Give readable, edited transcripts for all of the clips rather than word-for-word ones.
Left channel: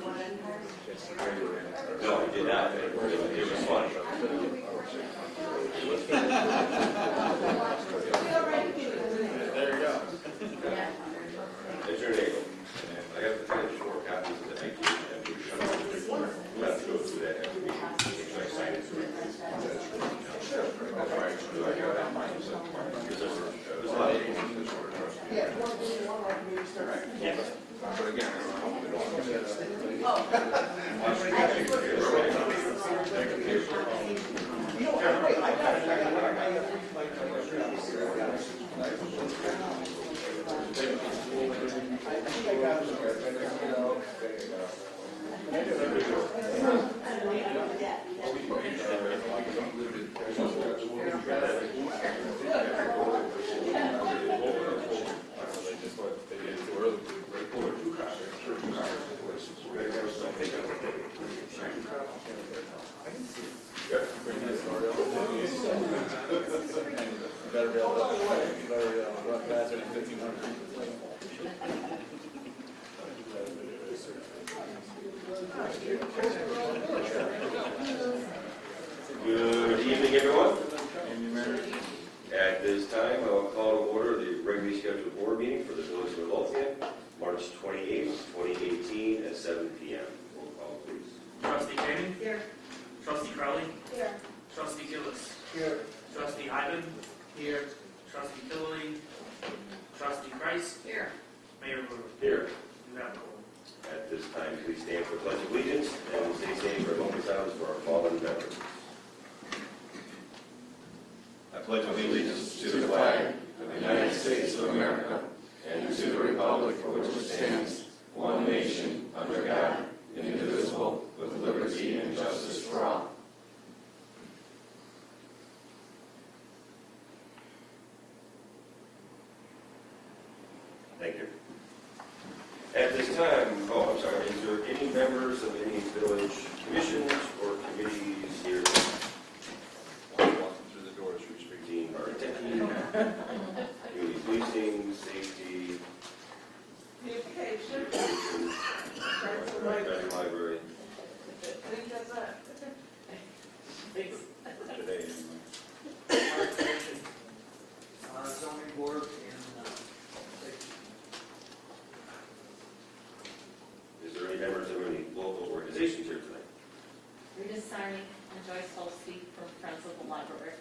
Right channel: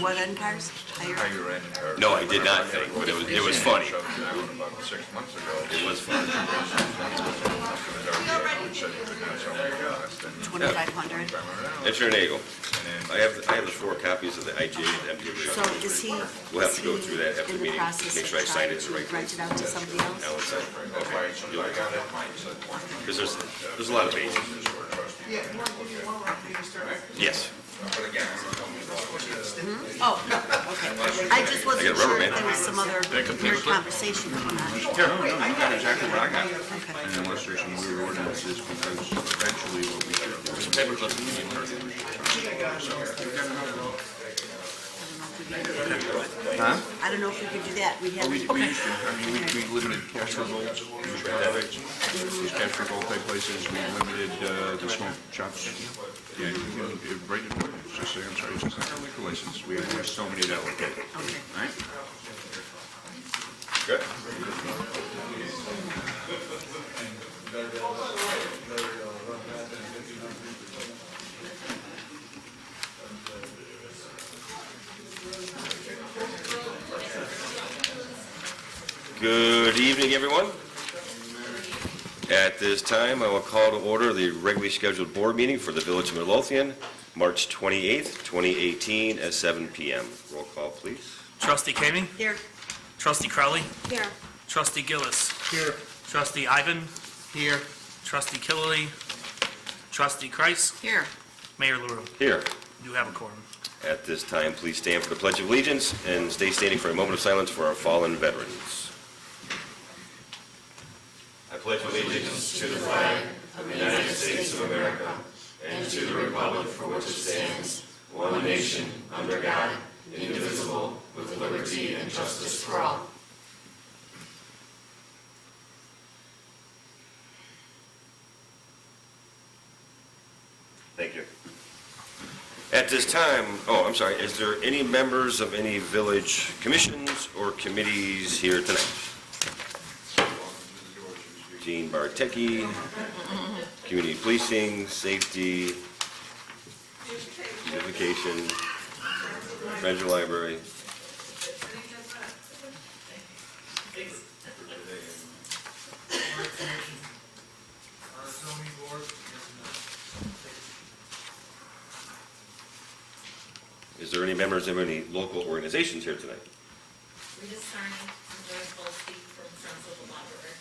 what end cars? Higher? No, I did not think, but it was funny. About 6 months ago. It was funny. 2,500. Enter an eagle. I have the 4 copies of the IGA and MU. So is he? We'll have to go through that after the in meeting, process make of sure I sign it trying the right to rent it out to somebody else? Because there's a lot of pages. Yes. Oh, okay. I just I wasn't got a sure rubber if band. there was some other weird conversation going on. I got exactly what I got. And unless there's some other ordinances, because eventually what we do. I don't know if we could do that. We have. We limited capture goals, these capture goal type places, we limited the smoke shops. Yeah, break, just say, I'm sorry, it's not a license, we have so many that look at it. Right? Good. Good evening, everyone. At this time, I will call to order the regularly scheduled board meeting for the Village of Midlothian, March 28th, 2018 at 7 p.m. Roll call, please. Trustee Caving? Here. Trustee Crowley? Here. Trustee Gillis? Here. Trustee Ivan? Here. Trustee Killelea? Trustee Kreis? Here. Mayor LaRue? Here. Do have a quorum. At this time, please stand for the Pledge of Allegiance and stay standing for a moment of silence for our fallen veterans. I pledge allegiance to the flag of the United States of America and to the republic for which it stands, one nation, under God, indivisible, with liberty and justice for all. Thank you. At this time, I'm sorry, is there any members of any village commissions or committees here tonight? Jean Bartecki, Community Policing, Safety, Education, Treasure Library. Zoning board. Is there any members of any local organizations here tonight? We're just starting to join Polsky from Friends of the Library.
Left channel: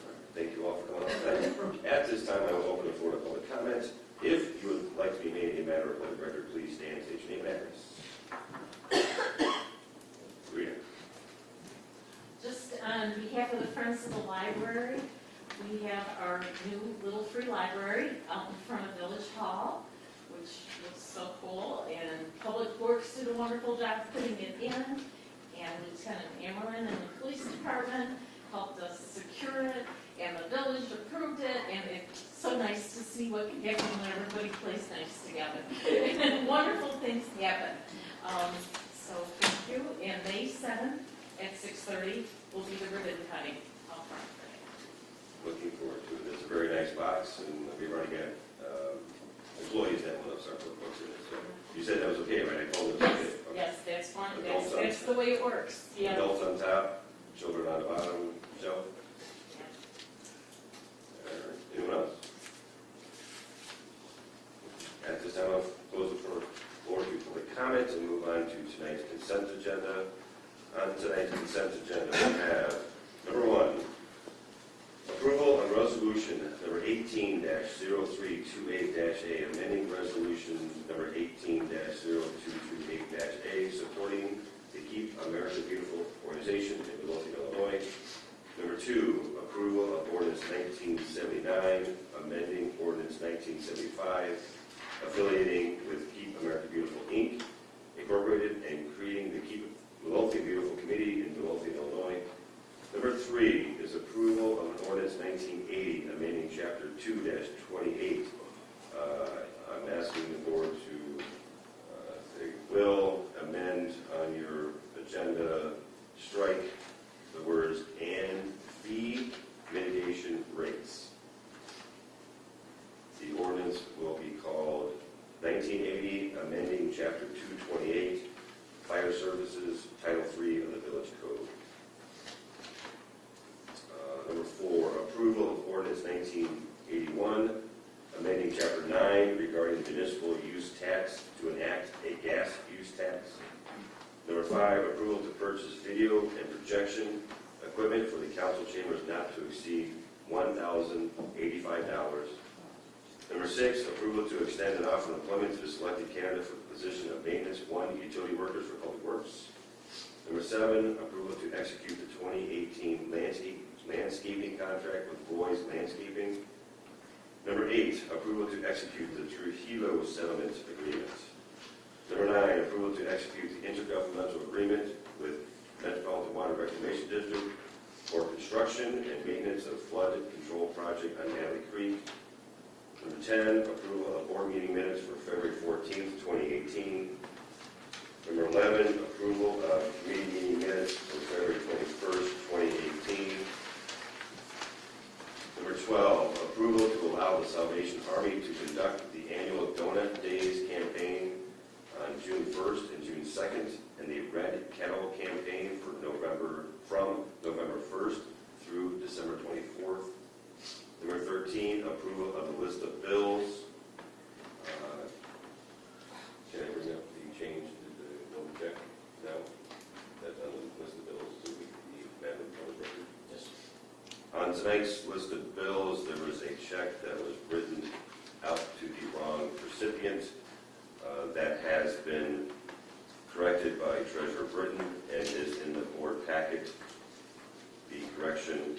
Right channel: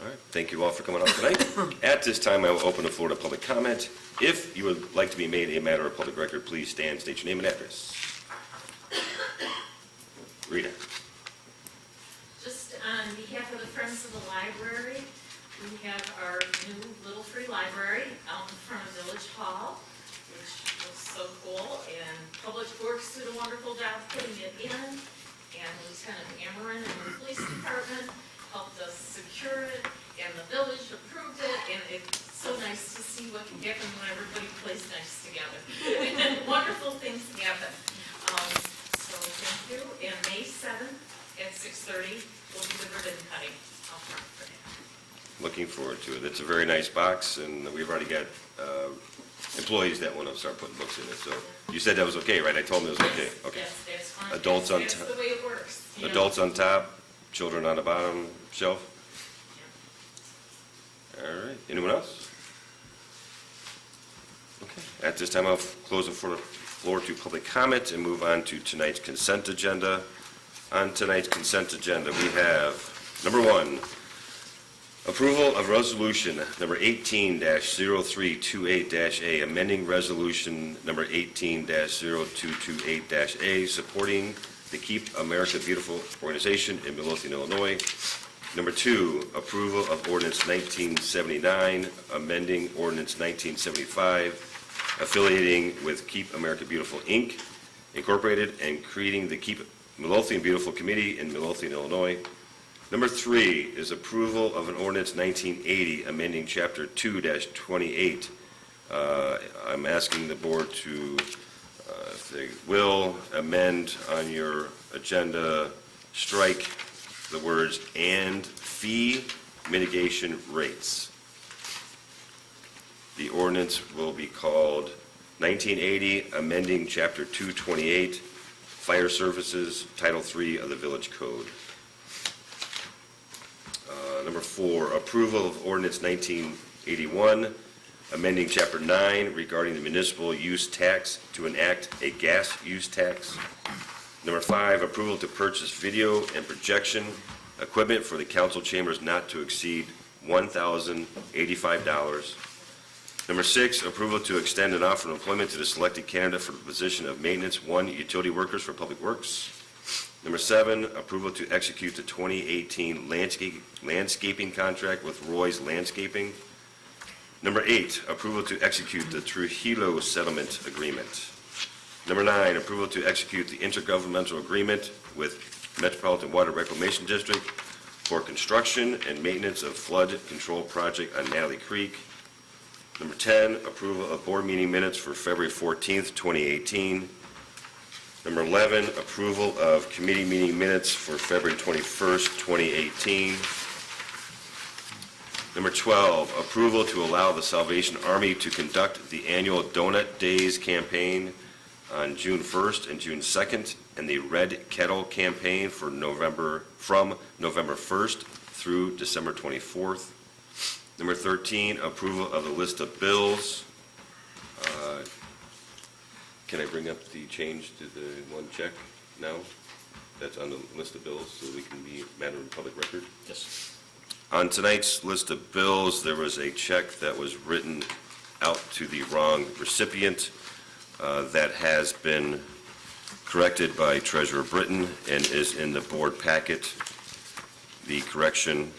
All right, thank you all for coming out tonight. At this time, I will open the floor to public comment. If you would like to be made a matter of public record, please stand, state your name and address. Rita. Just on behalf of the Friends of the Library, we have our new little free library out in front of Village Hall, which looks so cool, and Public Works did a wonderful job putting it in, and Lieutenant Amarin and the police department helped us secure it, and the village approved it, and it's so nice to see what can happen when everybody plays nice together. And wonderful things happen. So thank you, and May 7th at 6:30 will be the ribbon cutting out front for it. Looking forward to it. It's a very nice box, and we've already got employees that want to start putting books in it. So you said that was okay, right? I told them it was okay. Okay. Yes, that's fine. Adults on That's top. the way it works. Yeah. Adults on top, children on the bottom shelf. Yeah. All right. Anyone else? Okay. At this time, I'll close the floor to public comment and move on to tonight's consent agenda. On tonight's consent agenda, we have number 1, approval of resolution number 18-0328-A, amending resolution number 18-0228-A, supporting the Keep America Beautiful organization in Midlothian, Illinois. Number 2, approval of ordinance 1979, amending ordinance 1975, affiliating with Keep America Beautiful, Inc., Incorporated, and creating the Keep Midlothian Beautiful Committee in Midlothian, Illinois. Number 3 is approval of an ordinance 1980, amending Chapter 2-28. I'm asking the board to, if they will, amend on your agenda, strike the words "and fee mitigation rates." The ordinance will be called 1980, amending Chapter 228, Fire Services, Title III of the Village Code. Number 4, approval of ordinance 1981, amending Chapter 9 regarding the municipal use tax to enact a gas use tax. Number 5, approval to purchase video and projection equipment for the council chambers not to exceed $1,085. Number 6, approval to extend an offer of employment to the selected candidate for the position of Maintenance 1 Utility Workers for Public Works. Number 7, approval to execute the 2018 landscaping contract with Roy's Landscaping. Number 8, approval to execute the Trujillo Settlement Agreement. Number 9, approval to execute the intergovernmental agreement with Metropolitan Water Reclamation District for construction and maintenance of flood control project on Natalie Creek. Number 10, approval of board meeting minutes for February 14th, 2018. Number 11, approval of committee meeting minutes for February 21st, 2018. Number 12, approval to allow the Salvation Army to conduct the annual Donut Days campaign on June 1st and June 2nd, and the Red Kettle campaign from November 1st through December 24th. Number 13, approval of the list of bills. Can I bring up the change to the one check now? That's on the list of bills, so we can be matter of public record? Yes. On tonight's list of bills, there was a check that was written out to the wrong recipient. That has been corrected by Treasurer Britton and is in the board packet. The correction,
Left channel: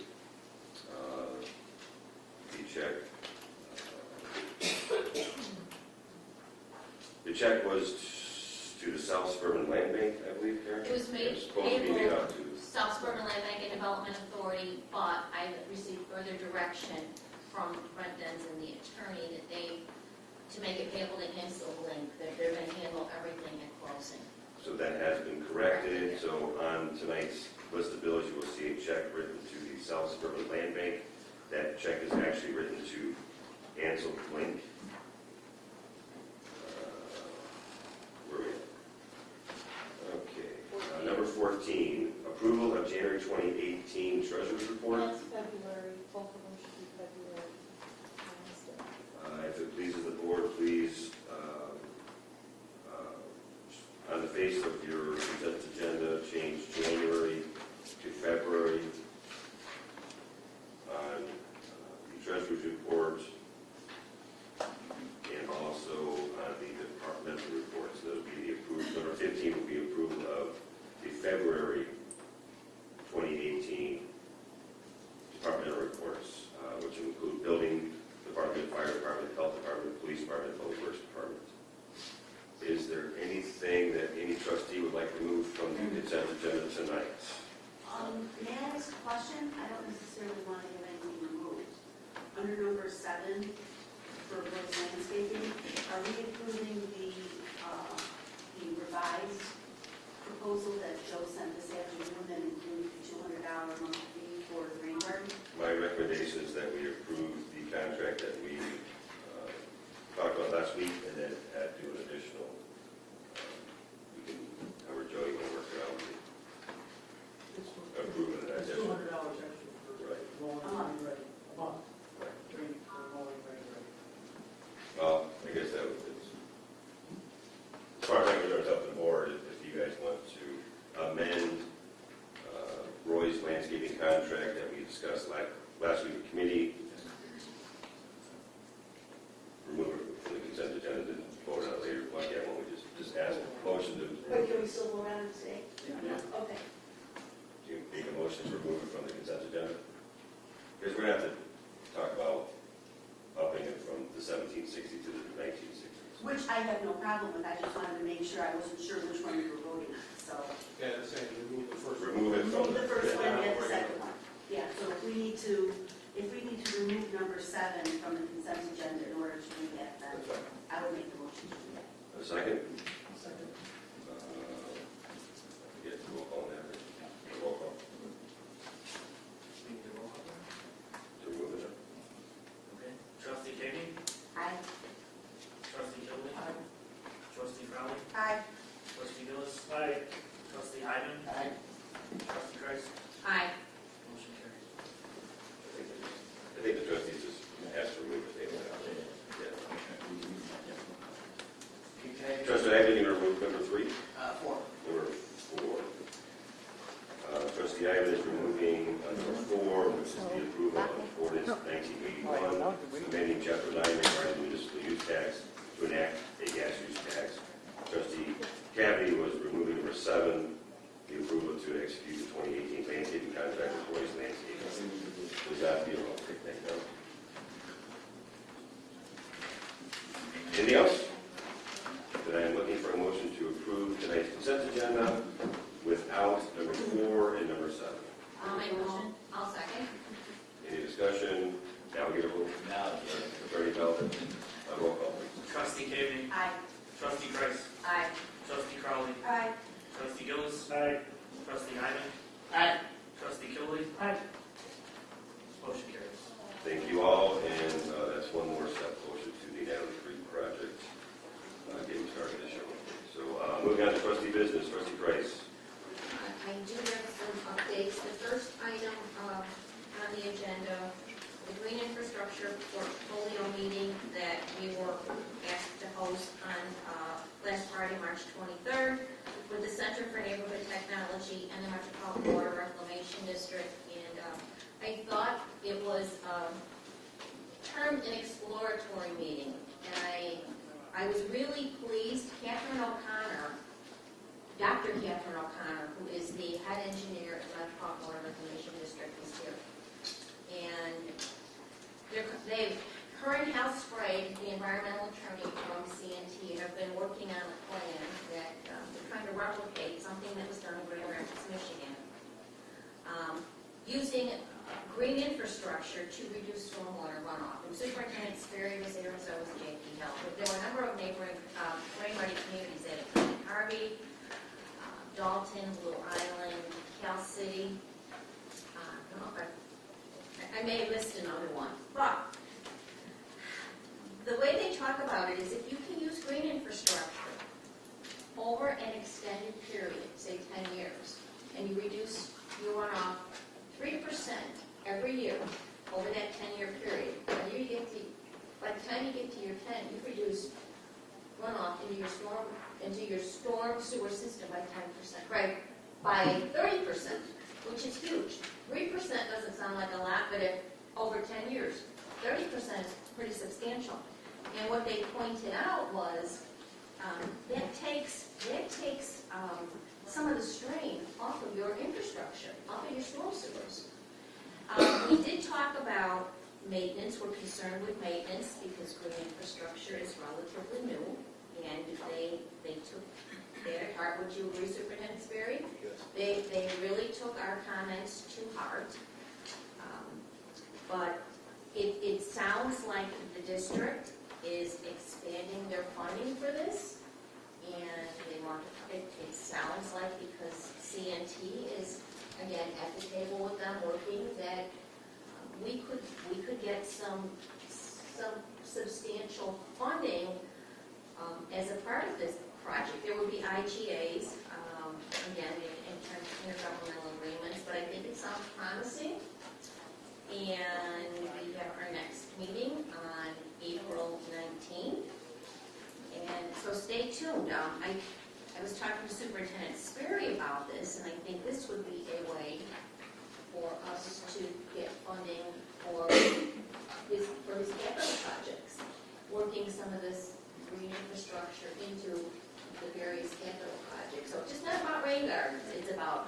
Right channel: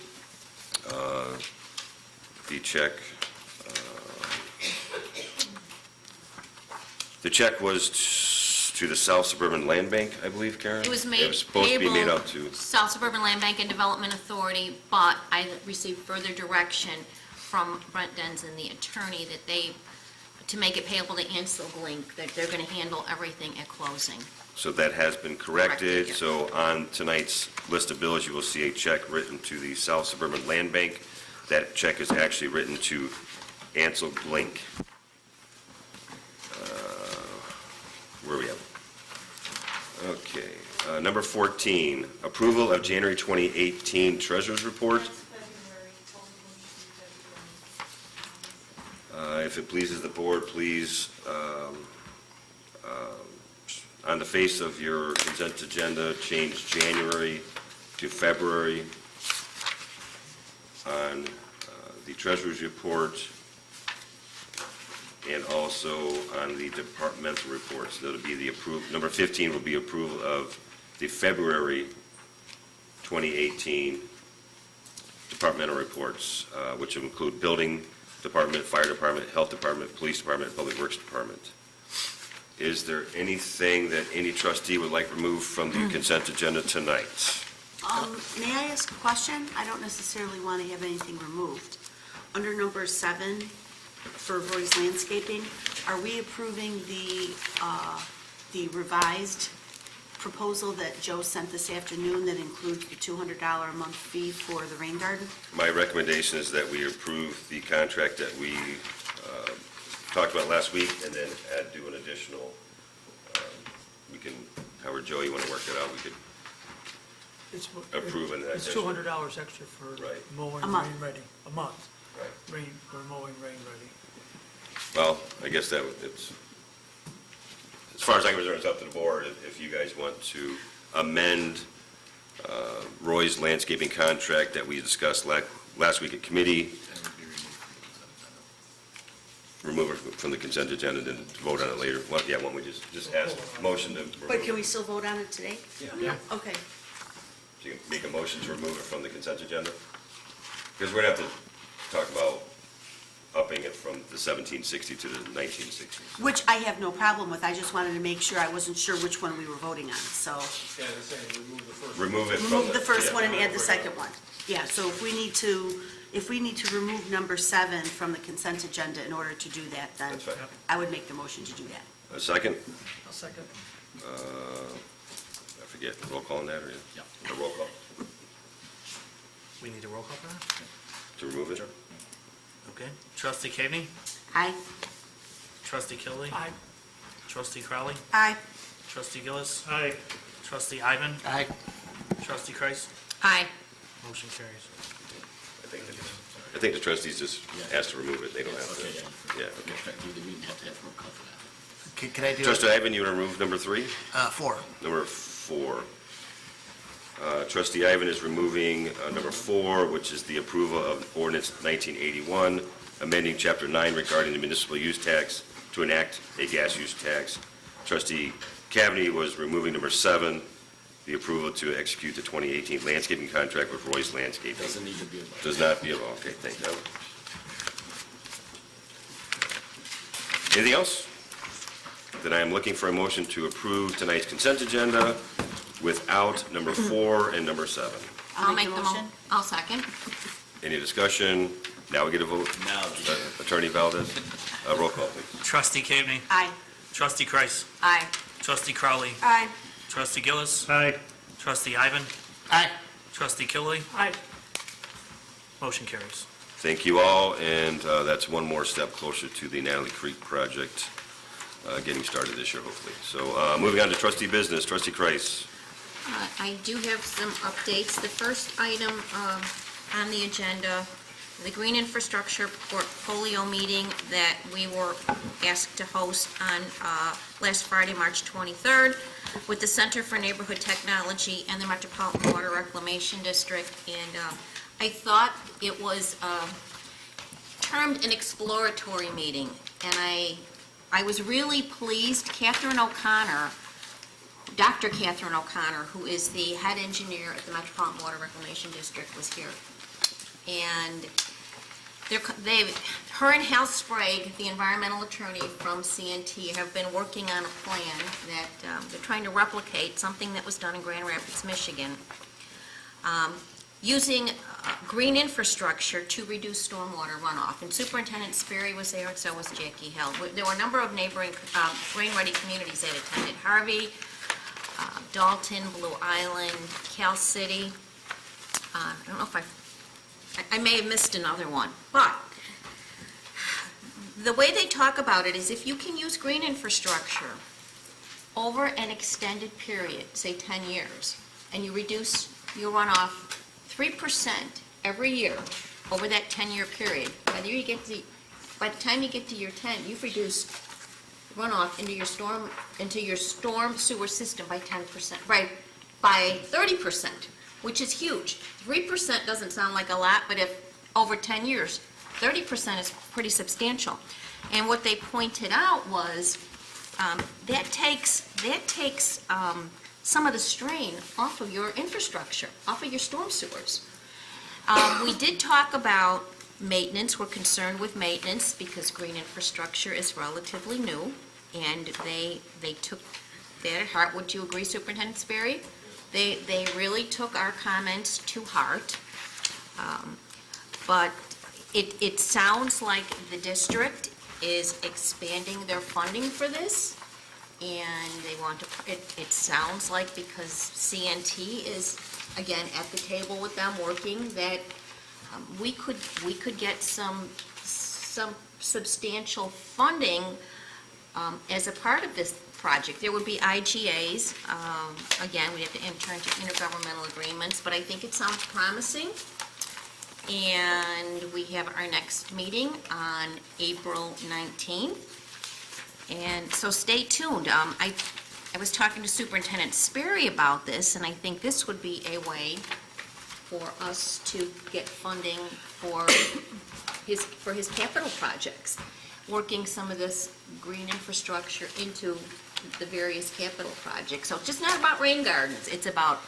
the check was to the South Suburban Land Bank, I believe, Karen? It was It made was supposed to be made payable out to. South Suburban Land Bank and Development Authority, but I received further direction from Brent Denson, the attorney, that to make it payable to Ansel Link, that they're going to handle everything at closing. So that has been Corrected, corrected. yeah. So on tonight's list of bills, you will see a check written to the South Suburban Land Bank. That check is actually written to Ansel Blink. Where are we at? Okay. Number 14, approval of January 2018 Treasurer's Report. That's February, both of them should be February. If it pleases the board, please, on the face of your consent agenda, change January to February. On the Treasurer's Report, and also on the departmental reports, that'll be the approved, number 15 will be approval of the February 2018 departmental reports, which include Building Department, Fire Department, Health Department, Police Department, Public Works Department. Is there anything that any trustee would like removed from the consent agenda tonight? May I ask a question? I don't necessarily want to have anything removed. Under number 7, for Roy's Landscaping, are we approving the revised proposal that Joe sent this afternoon that includes the $200 a month fee for the rain garden? My recommendation is that we approve the contract that we talked about last week, and then do an additional, we can, however, Joe, you want to work it out, we could approve an It's additional. $200 extra for Right. mowing A month. rain ready, a month, Right. rain, for mowing rain ready. Well, I guess that it's, as far as I'm concerned, it's up to the board. If you guys want to amend Roy's landscaping contract that we discussed last week at committee, remove it from the consent agenda and then vote on it later. Well, yeah, why don't we just ask, motion to remove But can we it? still vote on it today? Yeah. Okay. So you make a motion to remove it from the consent agenda? Because we're going to have to talk about upping it from the 1760 to the 1960. Which I have no problem with. I just wanted to make sure. I wasn't sure which one we were voting on, so. Remove it from Remove the first yeah. one and add the second one. Yeah, so if we need to remove number 7 from the consent agenda in order to do that, then That's fine. I would make the motion to do that. A second? I'll second. I forget, roll call on that, or? Yeah. A roll call We need a roll call for that? to remove it? Okay. Trustee Koenig? Aye. Trustee Kilby? Aye. Trustee Crowley? Aye. Trustee Gillis? Aye. Trustee Ivan? Aye. Trustee Kreis? Aye. Motion carries. I think the trustees just asked to remove it, they don't have to, yeah. Can I do Trustee Ivan, you want to remove number 3? 4? Number 4. Trustee Ivan is removing number 4, which is the approval of ordinance 1981, amending Chapter 9 regarding the municipal use tax to enact a gas use tax. Trustee Cavaney was removing number 7, the approval to execute the 2018 landscaping contract with Royce Landscaping. Does not be, okay, thank you. Anything else? Then I am looking for a motion to approve tonight's consent agenda without number 4 and number 7. I'll make the motion. I'll second. Any discussion? Now we get a vote? No. Attorney Valdez, roll call, please. Trustee Kilby? Aye. Trustee Kreis? Aye. Trustee Crowley? Aye. Trustee Gillis? Aye. Trustee Ivan? Aye. Trustee Kilby? Aye. Motion carries. Thank you all, and that's one more step closer to the Natalie Creek project getting started this year, hopefully. So moving on to trustee business, trustee Kreis. I do have some updates. The first item on the agenda, the Green Infrastructure Portfolio meeting that we were asked to host on last Friday, March 23rd, with the Center for Neighborhood Technology and the Metropolitan Water Reclamation District. And I thought it was termed an exploratory meeting, and I was really pleased. Catherine O'Connor, Dr. Catherine O'Connor, who is the head engineer at the Metropolitan Water Reclamation District, was here. And her and Hal Sprague, the environmental attorney from CNT, have been working on a plan that they're trying to replicate, something that was done in Grand Rapids, Michigan, using green infrastructure to reduce stormwater runoff. And Superintendent Sperry was there, and so was Jackie Hill. There were a number of neighboring rain-ready communities that attended: Harvey, Dalton, Blue Island, Cal City. I don't know if I may have missed another one, but the way they talk about it is if you can use green infrastructure over an extended period, say 10 years, and you reduce your runoff 3% every year over that 10-year period, by the time you get to year 10, you've reduced runoff into your storm sewer system by 10%, right, by 30%, which is huge. 3% doesn't sound like a lot, but if over 10 years, 30% is pretty substantial. And what they pointed out was that takes some of the strain off of your infrastructure, off of your storm sewers. We did talk about maintenance. We're concerned with maintenance because green infrastructure is relatively new, and they took that at heart. Would you agree, Superintendent Sperry? They really took our comments to heart. But it sounds like the district is expanding their funding for this, and they want to, it sounds like because CNT is, again, at the table with them working, that we could get some substantial funding as a part of this project. There would be IGAs. Again, we have to enter into intergovernmental agreements, but I think it sounds promising. And we have our next meeting on April 19th. And so stay tuned. I was talking to Superintendent Sperry about this, and I think this would be a way for us to get funding for his capital projects, working some of this green infrastructure into the various capital projects. So it's just not about rain gardens, it's about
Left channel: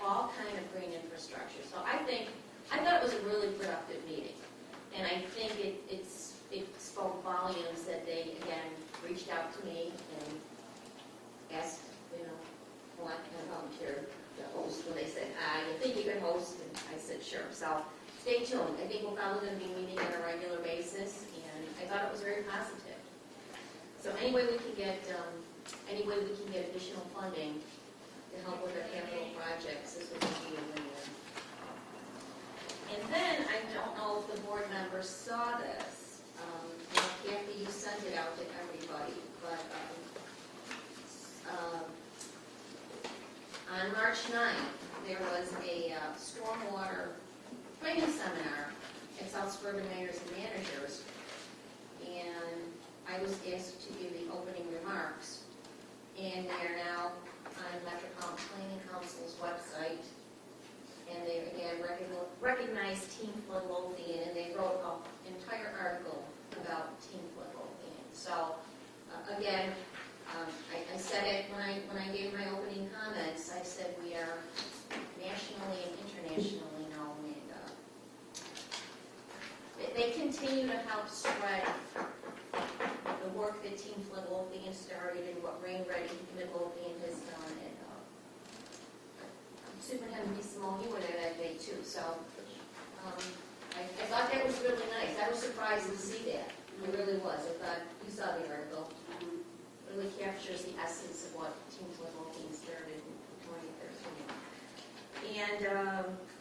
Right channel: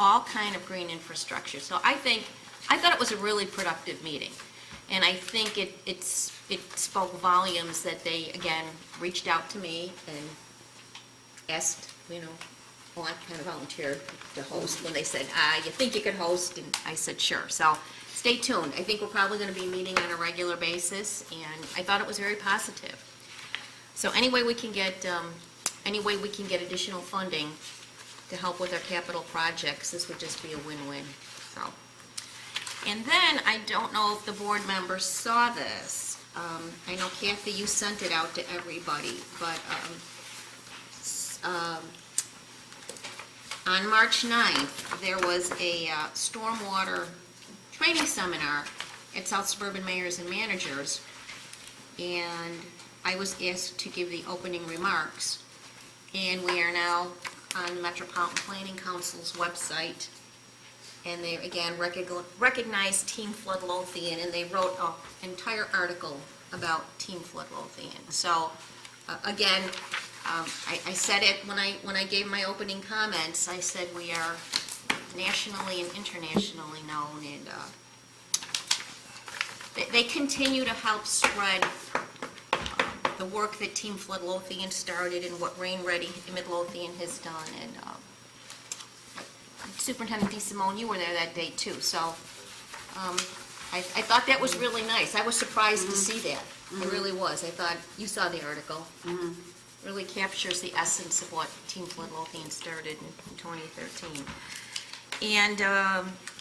all kind of green infrastructure. So I thought it was a really productive meeting, and I think it spoke volumes that they, again, reached out to me and asked, well, I kind of volunteered to host when they said, you think you could host? And I said, sure. So stay tuned. I think we're probably going to be meeting on a regular basis, and I thought it was very positive. So any way we can get additional funding to help with our capital projects, this would just be a win-win. So. And then, I don't know if the board members saw this, I know Kathy, you sent it out to everybody, but on March 9th, there was a stormwater training seminar at South Suburban Mayors and Managers, and I was asked to give the opening remarks, and we are now on Metropolitan Planning Council's website, and they, again, recognize Team Flood Lothian, and they wrote an entire article about Team Flood Lothian. So, again, I said it when I gave my opening comments, I said we are nationally and internationally known, and they continue to help spread the work that Team Flood Lothian started and what Rain Ready Midlothian has done. And Superintendent DeSimone, you were there that day too, so I thought that was really nice. I was surprised to see that. I really was. I thought, you saw the article. Really captures the essence of what Team Flood Lothian started in 2013. And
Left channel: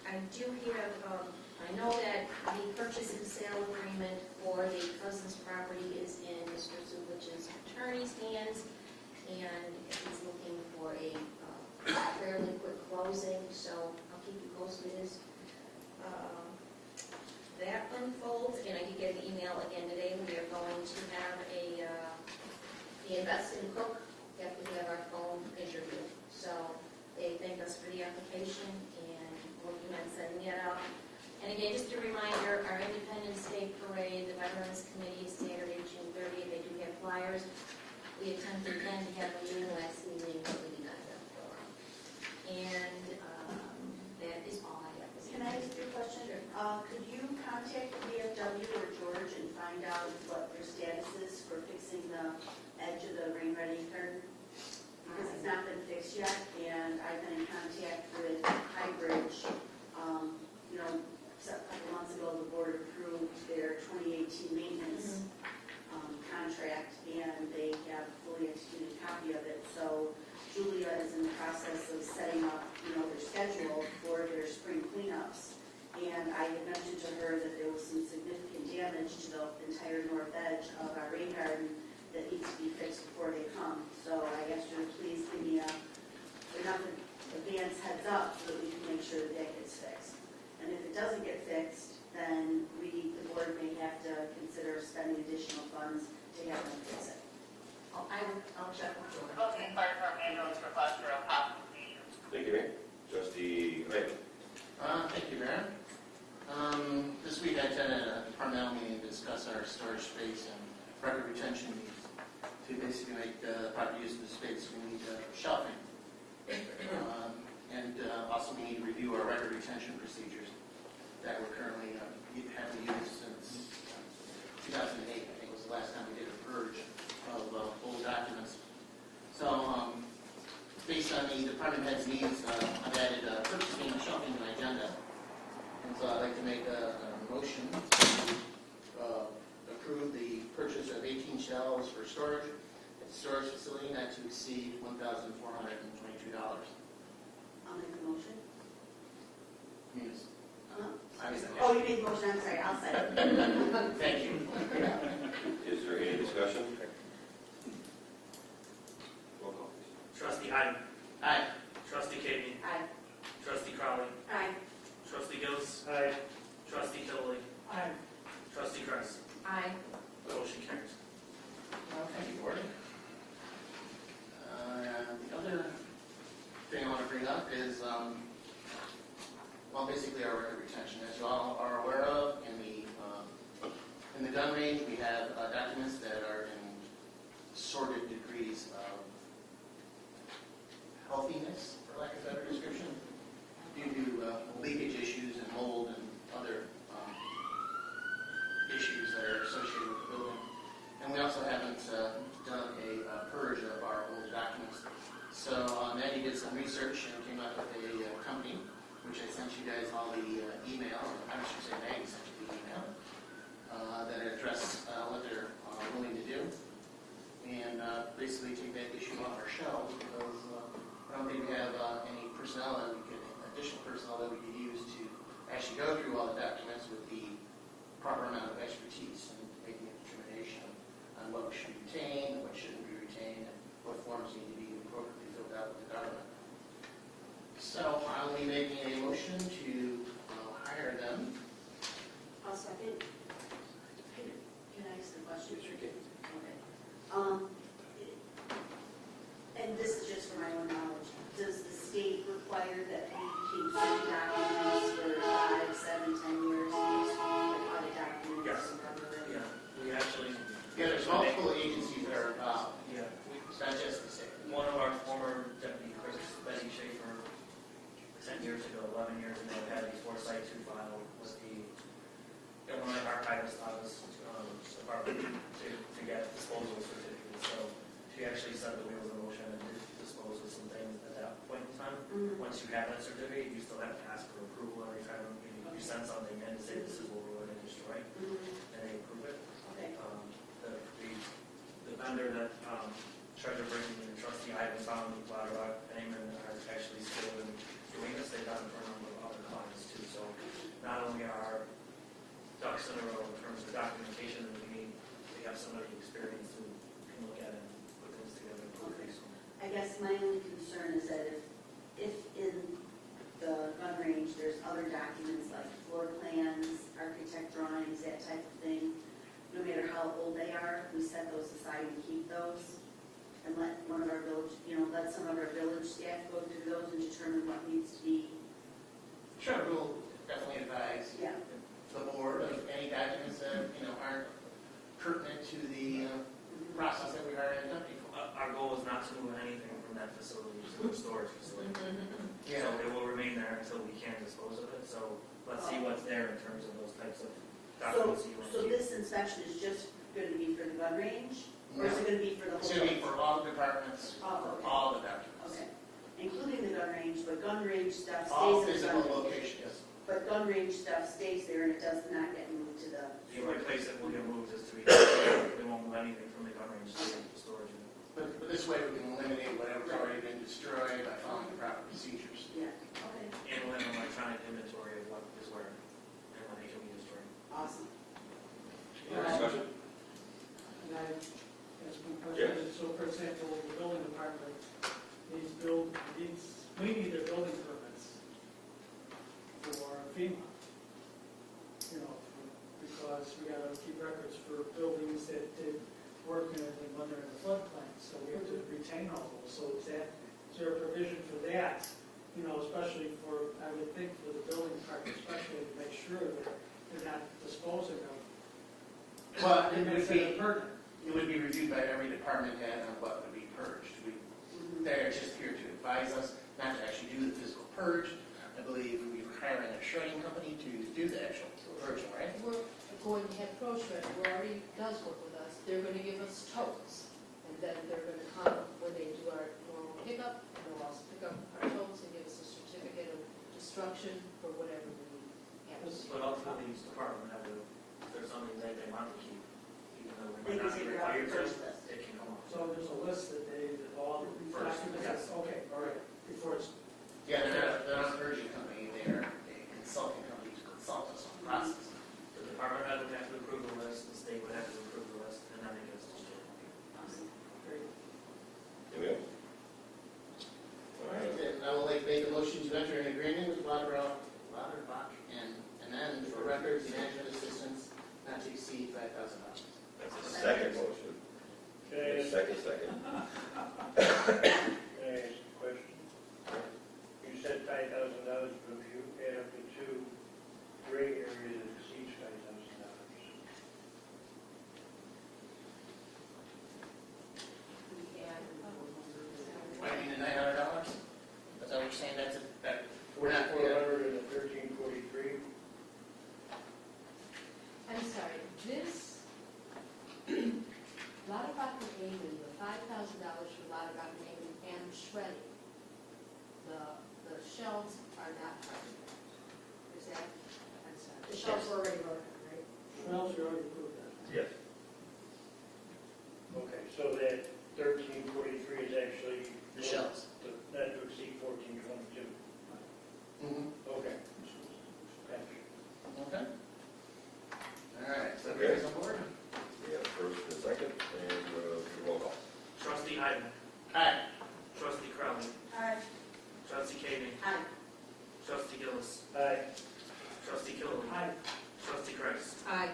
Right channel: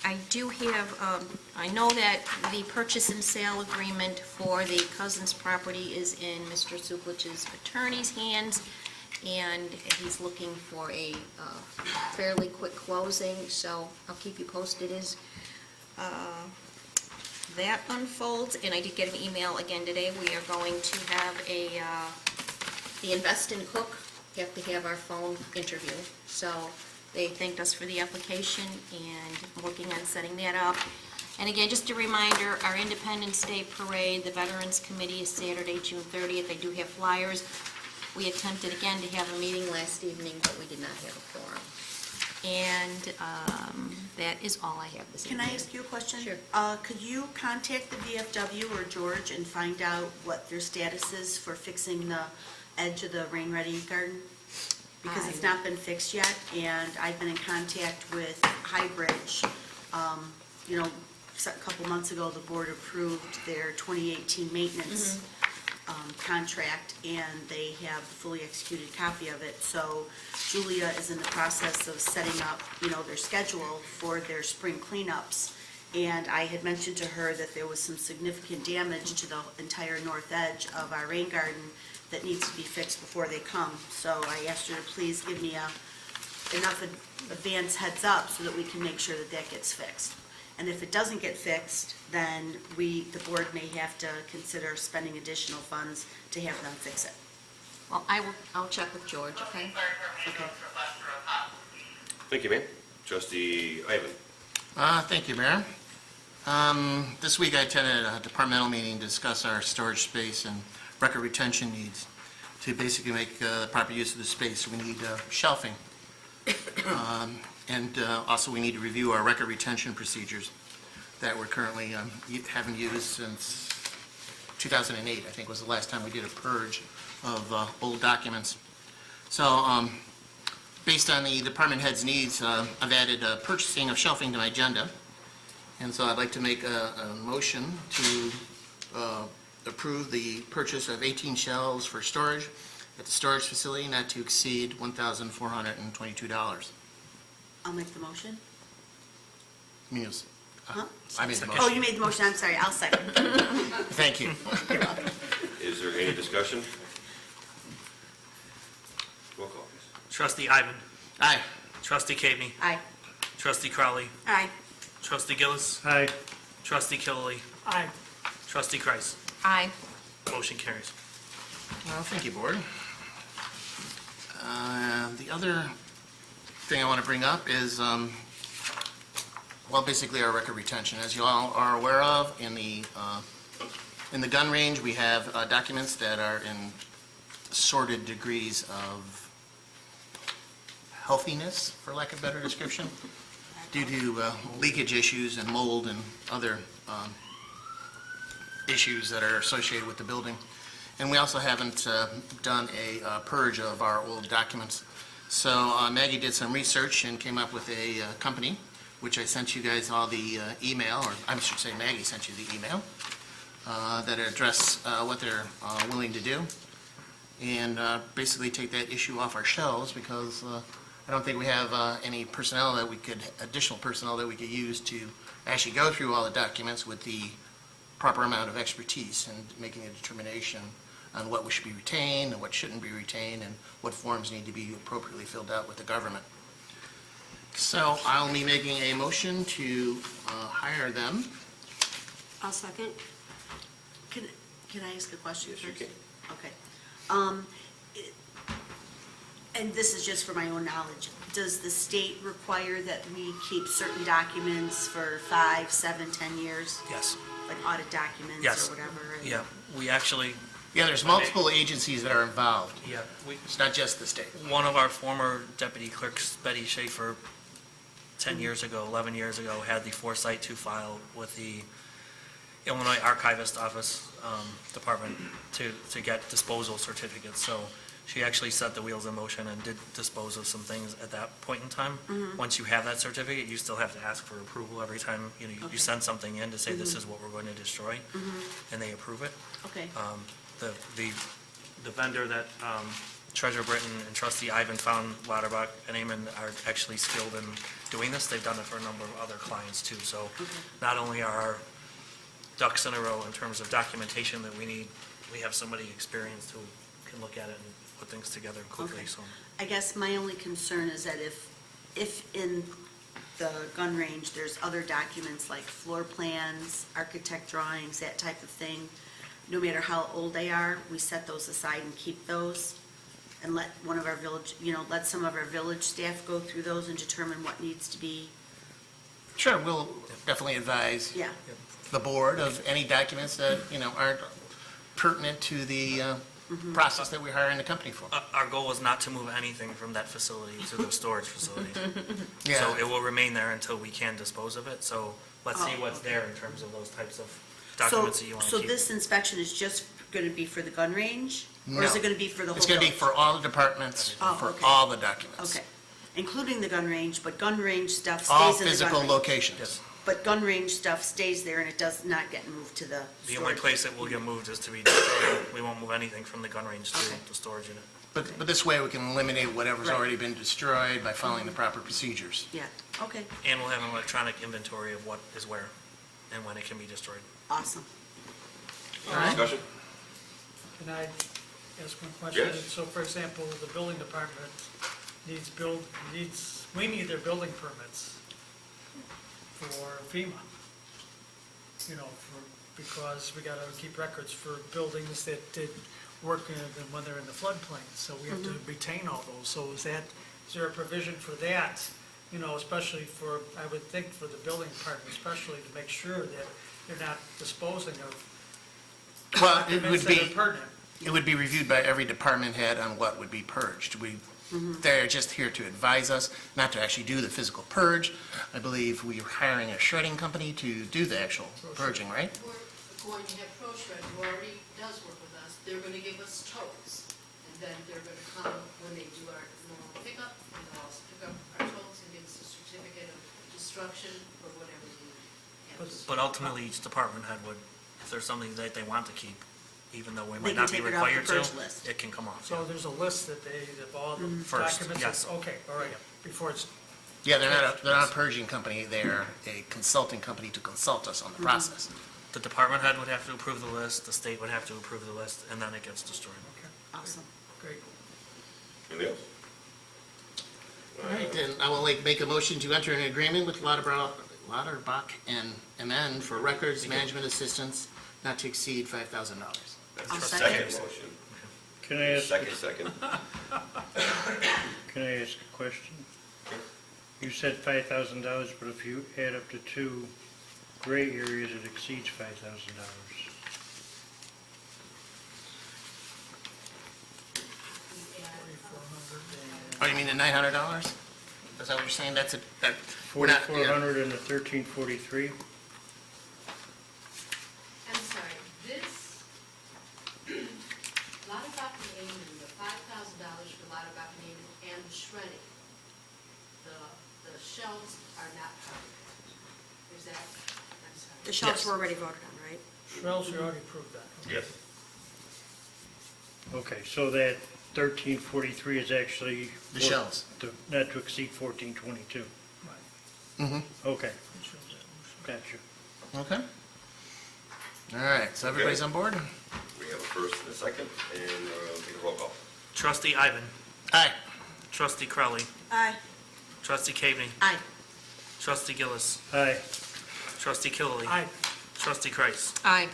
I do have, I know that the purchase and sale agreement for the Cousins property is in Mr. Suplich's attorney's hands, and he's looking for a fairly quick closing, so I'll keep you posted as that unfolds. And I did get an email again today. We are going to have the Invest in Cook, have to have our phone interview. So they thanked us for the application and working on setting that up. And again, just a reminder, our Independence Day Parade, the Veterans Committee is Saturday, June 30th. They do have flyers. We attempted again to have a meeting last evening, but we did not have a quorum. And that is all I have this Can evening. I ask you a question? Sure. Could you contact the VFW or George and find out what their status is for fixing the edge of the Rain Ready garden? Because it's not been fixed yet, and I've been in contact with Highbridge. You know, a couple months ago, the board approved their 2018 maintenance contract, and they have a fully executed copy of it. So Julia is in the process of setting up, you know, their schedule for their spring cleanups. And I had mentioned to her that there was some significant damage to the entire north edge of our rain garden that needs to be fixed before they come. So I asked her to please give me enough advance heads up so that we can make sure that that gets fixed. And if it doesn't get fixed, then the board may have to consider spending additional funds to have them fix it. Well, I'll check with George, okay? Thank you, ma'am. Trustee Ivan. Thank you, Mayor. This week I attended a departmental meeting to discuss our storage space and record retention needs. To basically make the proper use of the space, we need shelving. And also we need to review our record retention procedures that we're currently haven't used since 2008, I think was the last time we did a purge of old documents. So based on the department head's needs, I've added purchasing of shelving to my agenda. And so I'd like to make a motion to approve the purchase of 18 shelves for storage at the storage facility not to exceed $1,422. I'll make the motion. Muse. Huh? I made the Oh, motion. you made the motion, I'm sorry, I'll second. Thank you. Is there any discussion? Roll call, please. Trustee Ivan. Aye. Trustee Cagney. Aye. Trustee Crowley. Aye. Trustee Gillis. Aye. Trustee Killiely. Aye. Trustee Kreis. Aye. Motion carries. Well, thank you, Board. The other thing I want to bring up is, well, basically our record retention. As you all are aware of, in the gun range, we have documents that are in sorted degrees of healthiness, for lack of a better description, due to leakage issues and mold and other issues that are associated with the building. And we also haven't done a purge of our old documents. So Maggie did some research and came up with a company, which I sent you guys all the email, or I should say Maggie sent you the email, that address what they're willing to do. And basically take that issue off our shelves, because I don't think we have any personnel additional personnel that we could use to actually go through all the documents with the proper amount of expertise in making a determination on what should be retained and what shouldn't be retained and what forms need to be appropriately filled out with the government. So I'll be making a motion to hire them. I'll second. Can I ask a question Yes, first? you can. Okay. And this is just for my own knowledge. Does the state require that we keep certain documents for 5, 7, 10 years? Yes. Like audit documents Yes. or whatever? Yeah, we actually, Yeah, there's multiple agencies that are involved. yeah, we, It's not just the state. one of our former deputy clerks, Betty Schaefer, 10 years ago, 11 years ago, had the foresight to file with the Illinois Archivist Office Department to get disposal certificates. So she actually set the wheels in motion and did dispose of some things at that point in time. Once you have that certificate, you still have to ask for approval every time, you know, you send something in to say this is what we're going to destroy, and they approve it. Okay, The vendor that Treasurer Britton and Trustee Ivan found, Lauterbach and Amon, are actually skilled in doing this. They've done it for a number of other clients too. So not only are our ducks in a row in terms of documentation that we need, we have somebody experienced who can look at it and put things together quickly, Okay. so. I guess my only concern is that if in the gun range, there's other documents like floor plans, architect drawings, that type of thing, no matter how old they are, we set those aside and keep those, and let one of our village, let some of our village staff go through those and determine what needs to be, Sure, we'll definitely advise yeah. the board of any documents that, aren't pertinent to the process that we're hiring the company for. Our goal is not to move anything from that facility to the storage facility. Yeah. So it will remain there until we can dispose of it. So let's see what's there in terms of those types of documents that you want to So keep. this inspection is just going to be for the gun range? Or is No. it going to be for the whole It's going to be village? for all the departments, Oh, for okay. all the documents. Okay, including the gun range, but gun range stuff All stays in the gun physical range. locations. Yes. But gun range stuff stays there and it does not get moved to the The only storage. place it will get moved is to be, we won't move anything from the gun range to the storage unit. But this way, we can eliminate whatever's Right. already been destroyed by following the proper procedures. Yeah, okay, And we'll have an electronic inventory of what is where and when it can be destroyed. awesome. All right? Discussion? Can I ask one question? Yes. So for example, the building department we need their building permits for FEMA. Because we gotta keep records for buildings that did work when they're in the floodplain, so we have to retain all those. So is there a provision for that, especially I would think for the building department especially, to make sure that they're not disposing of Well, documents that are pertinent? it would be reviewed by every department head on what would be purged. They're just here to advise us, not to actually do the physical purge. I believe we are hiring a shredding company to do the actual purging, right? We're going to have ProShred, who already does work with us, they're gonna give us totes, and then they're gonna come when they do our normal pickup, and they'll also pick up our totes and give us a certificate of destruction for whatever we have. But ultimately, each department head would, if there's something that they want to keep, even though we They might can not be take it off the required to, purge list. it can come off. So there's a list of all the First, documents? yes. Okay, all right, before it's, Yeah, they're not a purging company, they're a consulting company to consult us on the process. The department head would have to approve the list, the state would have to approve the list, and then it gets destroyed. Awesome. great. Anything else? All right, then I will make a motion to enter an agreement with Lauterbach and MN for records management assistance not to exceed $5,000. I'll Second second. motion. Can I ask, Second. can I ask a question? You said $5,000, but if you add up the two gray areas, it exceeds $5,000. Oh, you mean the $900? Is that what you're saying? We're not, 4,400 and the 1343? I'm sorry, this, Lauterbach and Amon, the $5,000 for Lauterbach and Amon and the shredding, the shells are not part of that. Is that, I'm sorry. The shelves Yes. were already voted on, right? Shrells, you already approved that. Yes. Okay, so that 1343 is actually... The shells. Not to exceed 1422. Mm-hmm. Okay, gotcha. Okay. All right, so everybody's on board? We have a first and a second, and take a roll call. Trustee Ivan. Aye. Trustee Crowley. Aye. Trustee Cagney. Aye. Trustee Gillis. Aye. Trustee Killily. Aye. Trustee Kreis. Aye.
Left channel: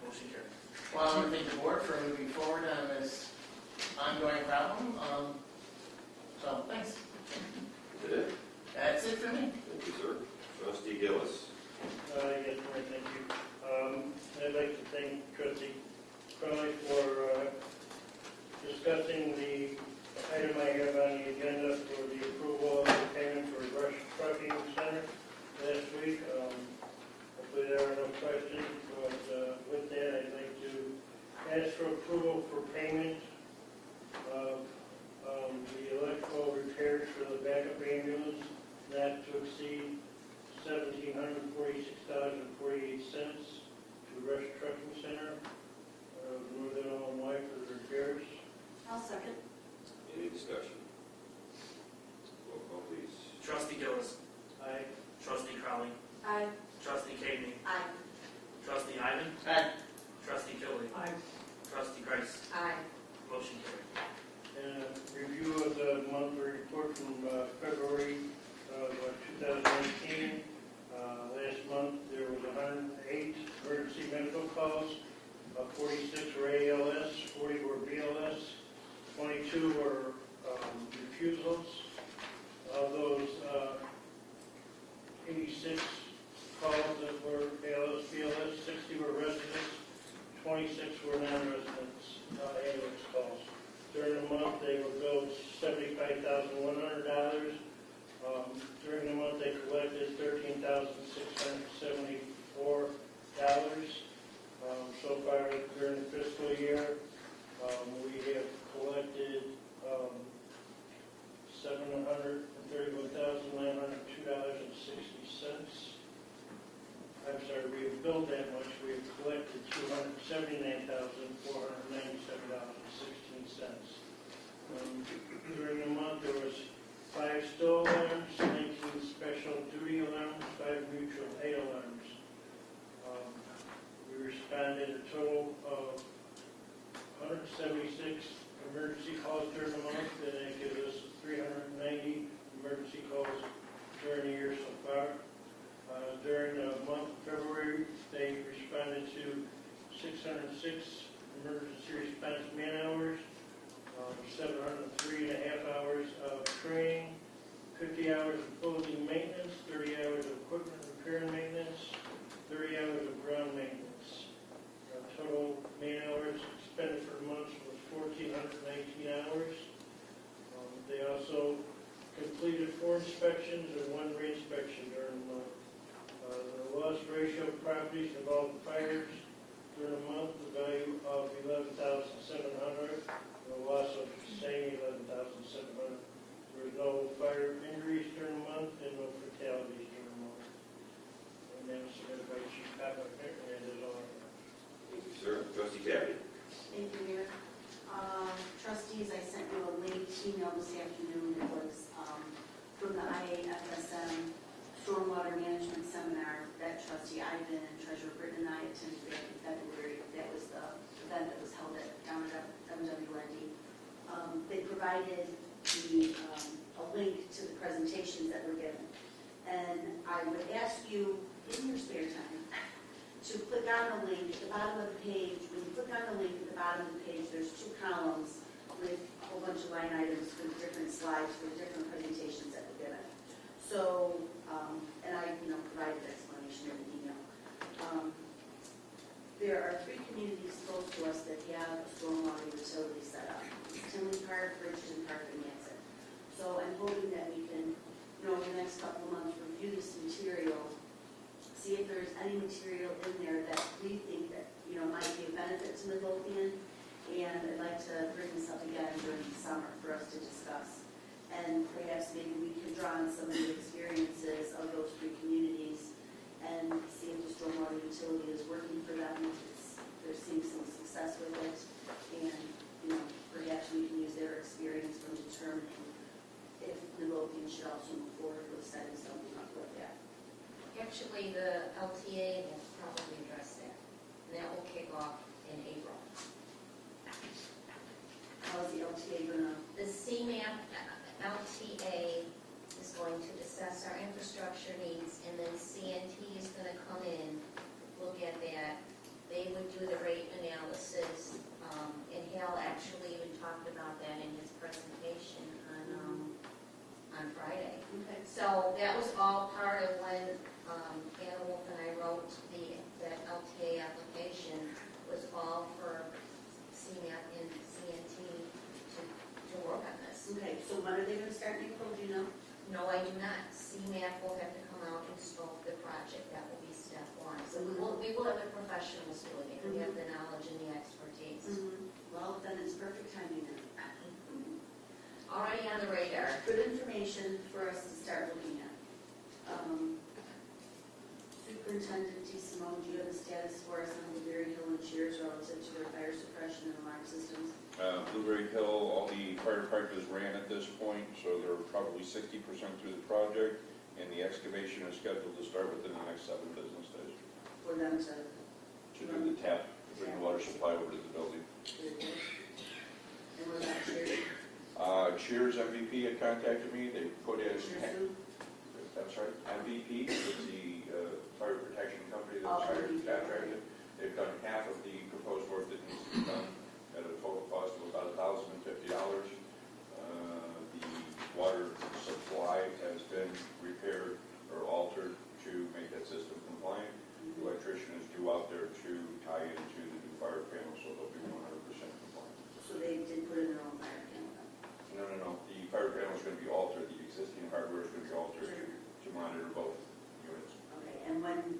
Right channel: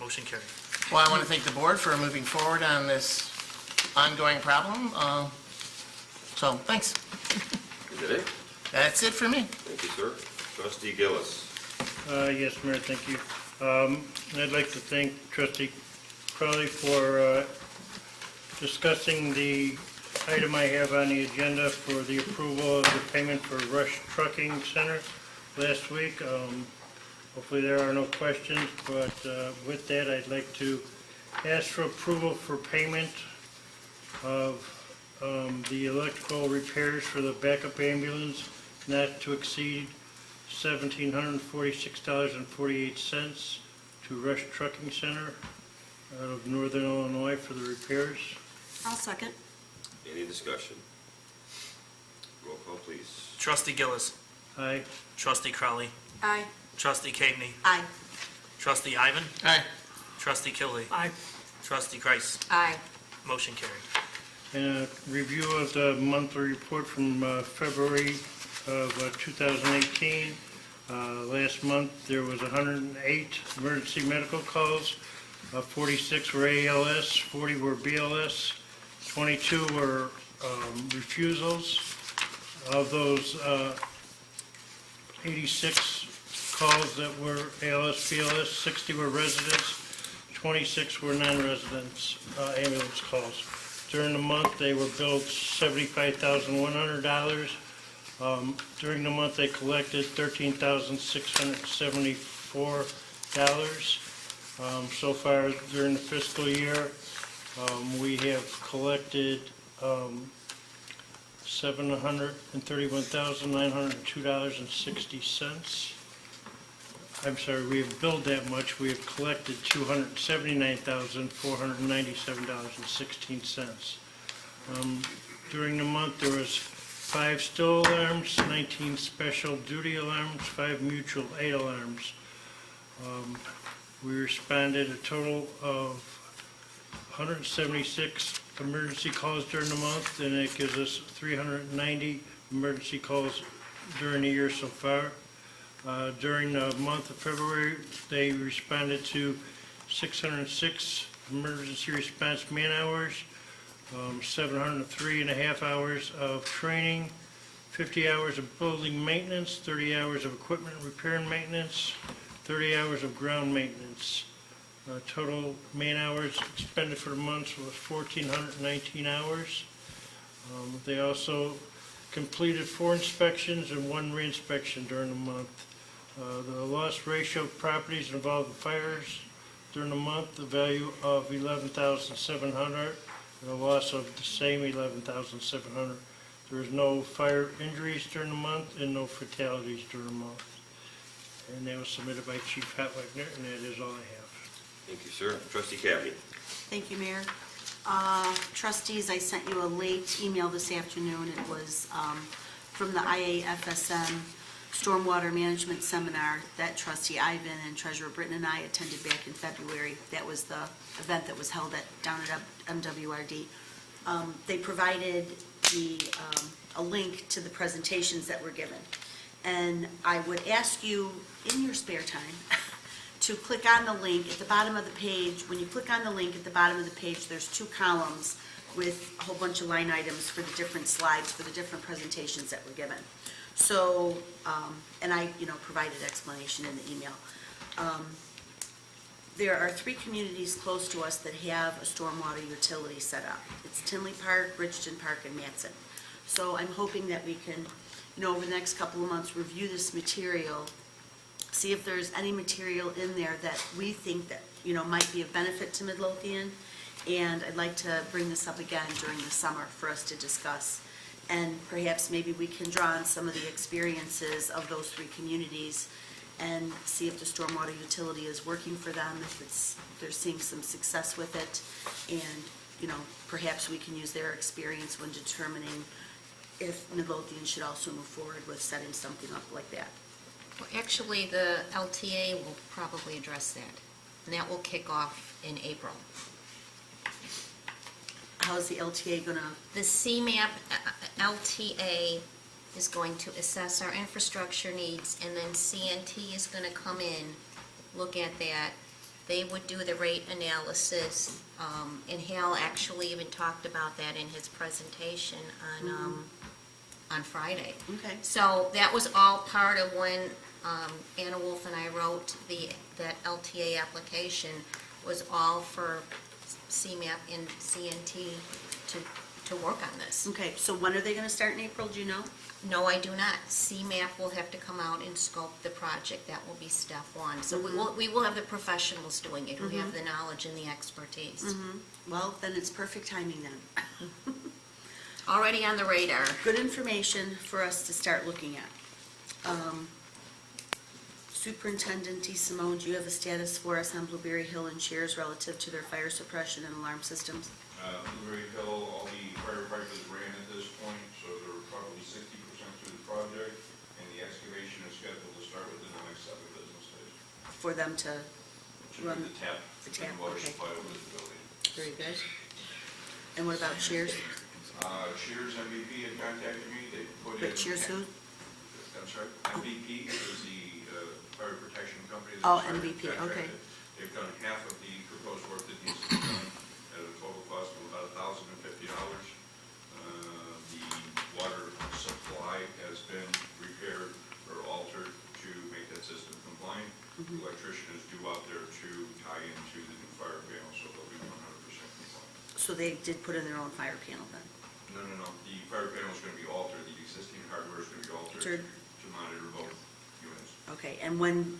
Motion carried. Well, I want to thank the board for moving forward on this ongoing problem. So, thanks. Is that it? That's it for me. Thank you, sir. Trustee Gillis. Yes, Mayor, thank you. I'd like to thank Trustee Crowley for discussing the item I have on the agenda for the approval of the payment for Rush Trucking Center last week. Hopefully there are no questions, but with that, I'd like to ask for approval for payment of the electrical repairs for the backup ambulance not to exceed $1,746.48 to Rush Trucking Center out of Northern Illinois for the repairs. I'll second. Any discussion? Roll call, please. Trustee Gillis. Aye. Trustee Crowley. Aye. Trustee Cagney. Aye. Trustee Ivan. Aye. Trustee Killily. Aye. Trustee Kreis. Aye. Motion carried. And a review of the monthly report from February of 2018. Last month, there was 108 emergency medical calls. 46 were ALS, 40 were BLS, 22 were refusals. Of those 86 calls that were ALS, BLS, 60 were residents, 26 were non-residents ambulance calls. During the month, they were billed $75,100. During the month, they collected $13,674. So far during the fiscal year, we have collected $731,902.60. I'm sorry, we have billed that much. We have collected $279,497.16. During the month, there was 5 still alarms, 19 special duty alarms, 5 mutual aid alarms. We responded a total of 176 emergency calls during the month, and it gives us 390 emergency calls during the year so far. During the month of February, they responded to 606 emergency response man-hours, 703 and a half hours of training, 50 hours of building maintenance, 30 hours of equipment repair and maintenance, 30 hours of ground maintenance. Total man-hours expended for the month was 1,419 hours. They also completed 4 inspections and 1 re-inspection during the month. The loss ratio of properties involved in fires during the month, the value of $11,700, and a loss of the same $11,700. There was no fire injuries during the month and no fatalities during the month. And that was submitted by Chief Hatwagner, and that is all I have. Thank you, sir. Trustee Cagney. Thank you, Mayor. Trustees, I sent you a late email this afternoon. It was from the IAFSM Stormwater Management Seminar that Trustee Ivan and Treasurer Britton and I attended back in February. That was the event that was held down at MWRD. They provided a link to the presentations that were given. And I would ask you, in your spare time, to click on the link at the bottom of the page. When you click on the link at the bottom of the page, there's 2 columns with a whole bunch of line items for the different slides, for the different presentations that were given. So, and I, provided explanation in the email. There are 3 communities close to us that have a stormwater utility set up. It's Tinley Park, Bridgeton Park, and Matson. So I'm hoping that we can, over the next couple of months, review this material, see if there's any material in there that we think that, might be of benefit to Midlothian. And I'd like to bring this up again during the summer for us to discuss. And perhaps maybe we can draw on some of the experiences of those 3 communities and see if the stormwater utility is working for them, if they're seeing some success with it. And, perhaps we can use their experience when determining if Midlothian should also move forward with setting something up like that. Well, actually, the LTA will probably address that. and that will kick off in April. How is the LTA gonna, The CMAP LTA is going to assess our infrastructure needs, and then CNT is going to come in, look at that. They would do the rate analysis, and Hal actually even talked about that in his presentation on Friday. okay, So that was all part of when Anna Wolf and I wrote that LTA application, was all for CMAP and CNT to work on this. okay, so when are they gonna start in April, do you know? No, I do not. CMAP will have to come out and scope the project. That will be step one. So we will have the professionals doing it, who have the knowledge and the expertise. Well, then it's perfect timing then. Already on the radar. Good information for us to start looking at. Superintendent DeSimone, do you have a status for us on Blueberry Hill and Cheers relative to their fire suppression and alarm systems? Blueberry Hill, all the firefighters ran at this point, so they're probably 60% through the project, and the excavation is scheduled to start within the next 7 business days. For them to, To do the tap, The tap, water okay. supply over the building. very good. And what about Cheers? Shears MVP had contacted me, they put in. Cheers who? That's right, MVP is the fire protection company. that Oh, was hired MVP, okay. contracted. They've done half of the proposed work that needs to be done at a total cost of about $1,050. The water supply has been repaired or altered to make that system compliant. The electrician is due out there to tie into the new fire panel, so they'll be 100% compliant. So they did put in their own fire panel then? No. The fire panel is going to be altered, the existing hardware is going to be altered Altered. to monitor both units. Okay, and when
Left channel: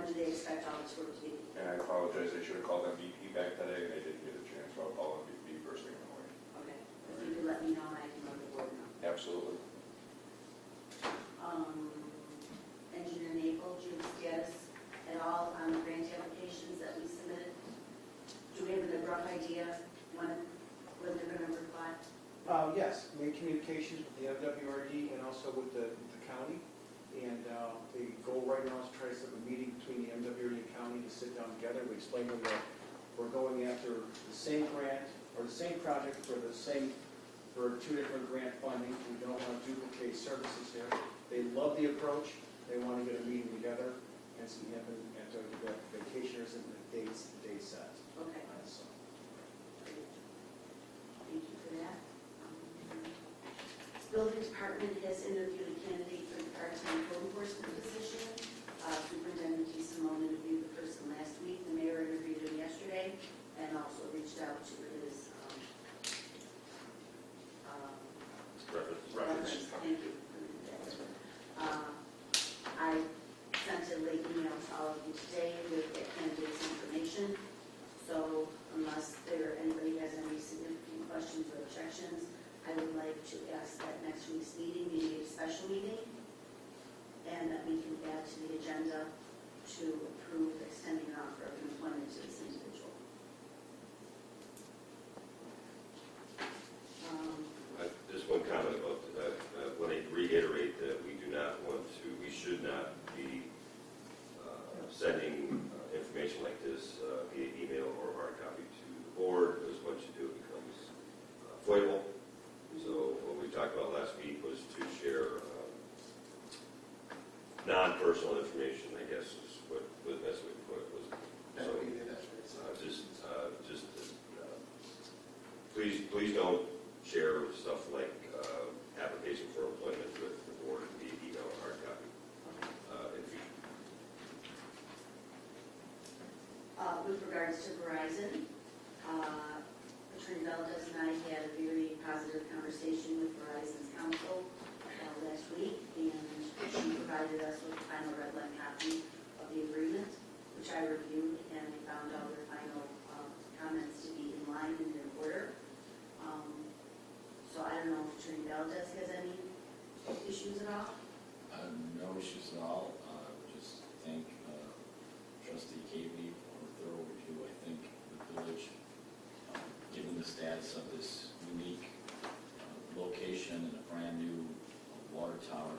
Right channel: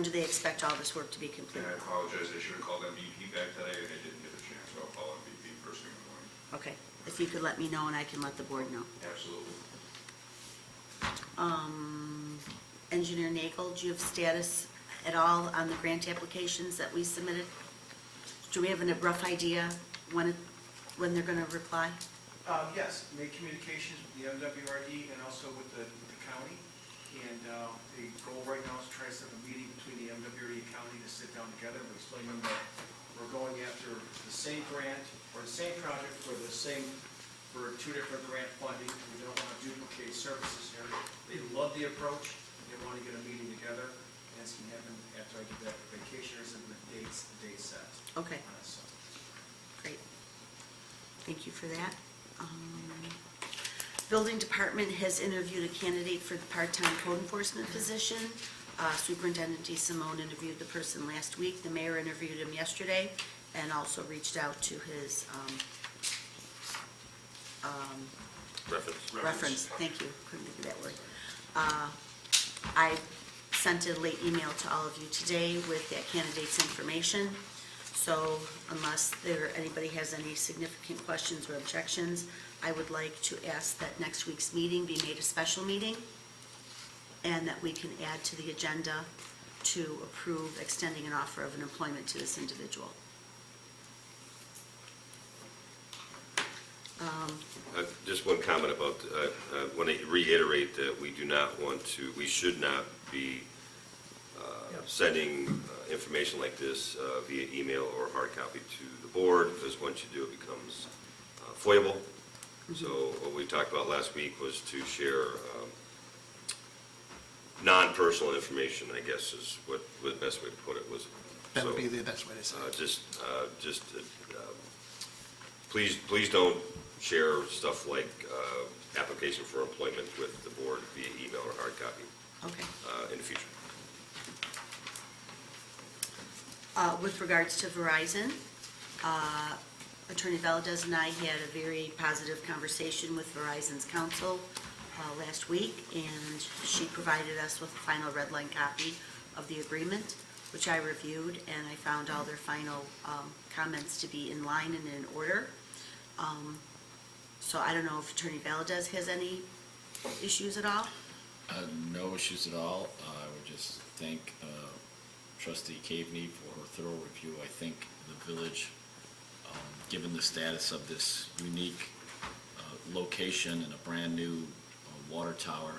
do they expect all this work to be And completed? I apologize, I should have called MVP back today, and I didn't get a chance, so I'll call MVP first thing in the morning. Okay, if you could let me know and I can let the board know. Absolutely. Engineer Nagel, do you have status at all on the grant applications that we submitted? Do we have a rough idea when they're gonna reply? Yes, made communications with the MWRD and also with the county. And the goal right now is to try to set a meeting between the MWRD and county to sit down together. We explain to them that we're going after the same grant or the same project for 2 different grant funding. We don't want to duplicate services here. They love the approach. They want to get a meeting together. And it's going to happen after I get back from vacation or something, the dates set. Okay, So, great. Thank you for that. Building Department has interviewed a candidate for the part-time code enforcement position. Superintendent DeSimone interviewed the person last week. The mayor interviewed him yesterday and also reached out to his reference. Thank you, couldn't think of that word. I sent a late email to all of you today with that candidate's information. So unless anybody has any significant questions or objections, I would like to ask that next week's meeting be made a special meeting and that we can add to the agenda to approve extending an offer of an employment to this individual. Just one comment about, when I reiterate that we should not be sending information like this via email or hard copy to the board, because once you do, it becomes foible. So what we talked about last week was to share non-personal information, I guess is what the best way to put it was. That would So, be the best way to say it. Please don't share stuff like application for employment with the board via email or hard copy Okay. in the future. With regards to Verizon, Attorney Valdez and I had a very positive conversation with Verizon's counsel last week, and she provided us with a final red line copy of the agreement, which I reviewed, and I found all their final comments to be in line and in order. So I don't know if Attorney Valdez has any issues at all? No issues at all. I would just thank Trustee Caveney for her thorough review. I think the village, given the status of this unique location and a brand-new water tower,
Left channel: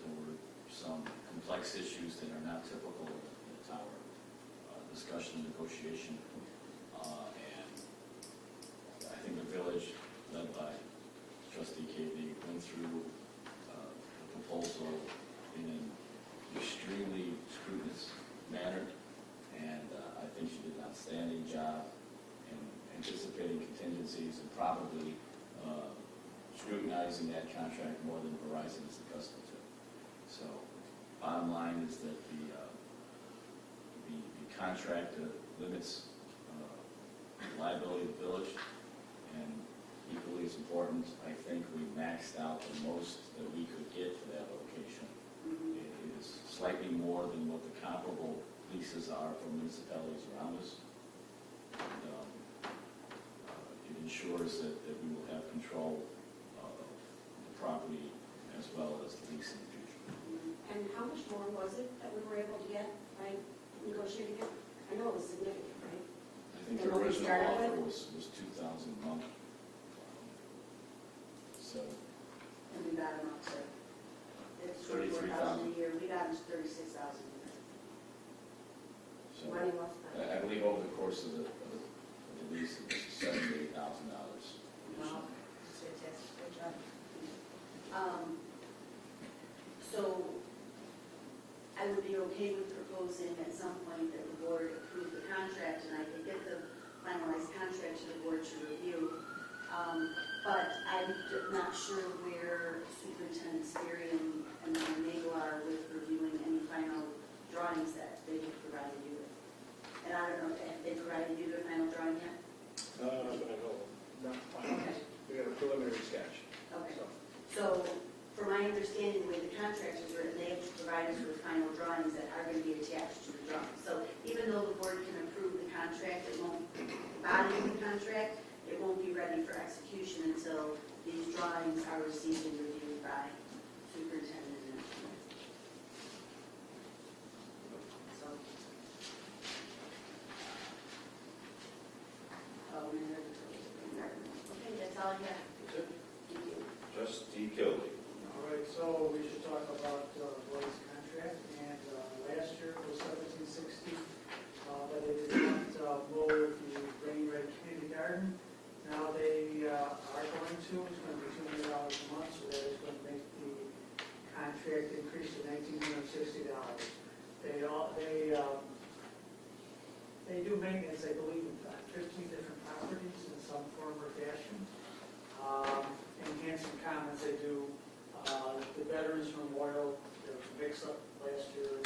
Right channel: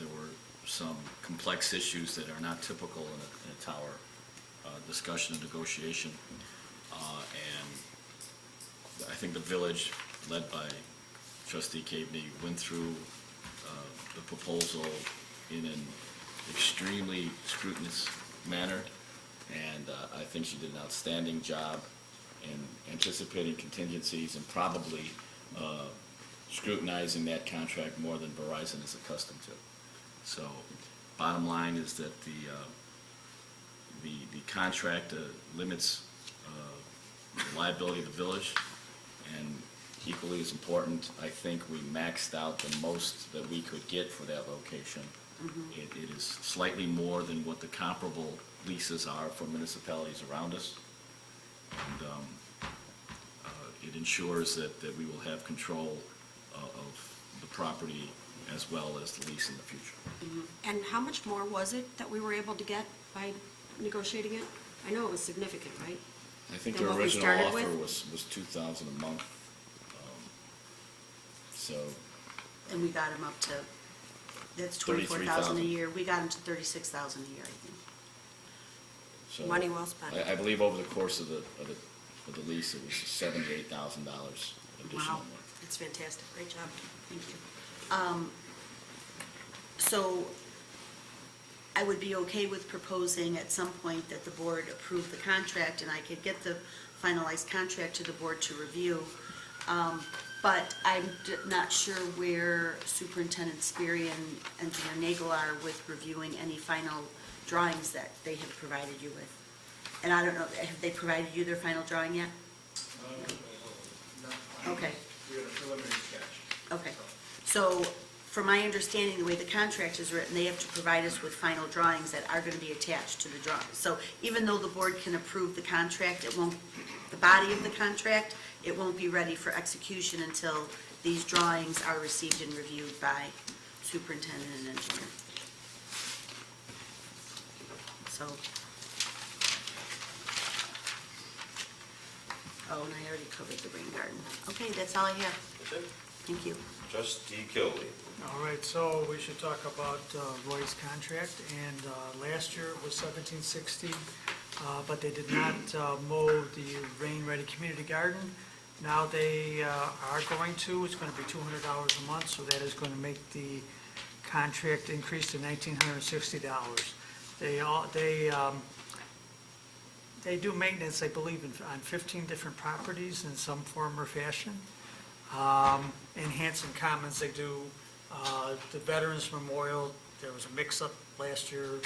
there were some complex issues that are not typical in a tower the discussion and negotiation. And I think the village, led by trustee Caveney, went through the proposal in an extremely scrutinous manner. And I think she did an outstanding job in anticipating contingencies and probably scrutinizing that contract more than Verizon is accustomed to. So bottom line is that the contract limits liability of the village, and equally as important, I think we maxed out the most that we could get for that location. It is slightly more than what the comparable leases are for municipalities around us. And it ensures that we will have control of the property as well as the lease in the future. And how much more was it that we were able to get by negotiating it? I know it was significant, right? I think And the what we original started offer with? was $2,000 a month. So, And we got him up to, that's 24,000 a 33,000. year. We got him to 36,000 a year, I think. so Money well spent. I believe over the course of the lease, it was $78,000 additional. Wow, that's fantastic, great job, thank you. So I would be okay with proposing at some point that the board approve the contract, and I could get the finalized contract to the board to review. But I'm not sure where Superintendent Sperry and Mayor Nagel are with reviewing any final drawings that they have provided you with. And I don't know, have they provided you their final drawing yet? Okay. We got a preliminary sketch. Okay, so from my understanding, the way the contract is written, they have to provide us with final drawings that are going to be attached to the drawing. So even though the board can approve the contract, it won't, the body of the contract, it won't be ready for execution until these drawings are received and reviewed by superintendent and engineer. So. Oh, and I already covered the rain garden. Okay, that's all I have. That's it. Thank you. Trustee Kilby. All right, so we should talk about Roy's contract, and last year it was $1,760, but they did not mow the rain-ready community garden. Now they are going to, it's going to be $200 a month, so that is going to make the contract increase to $1,960. They do maintenance, I believe, on 15 different properties in some form or fashion. In Hanson Commons, they do the Veterans Memorial. There was a mix-up last year.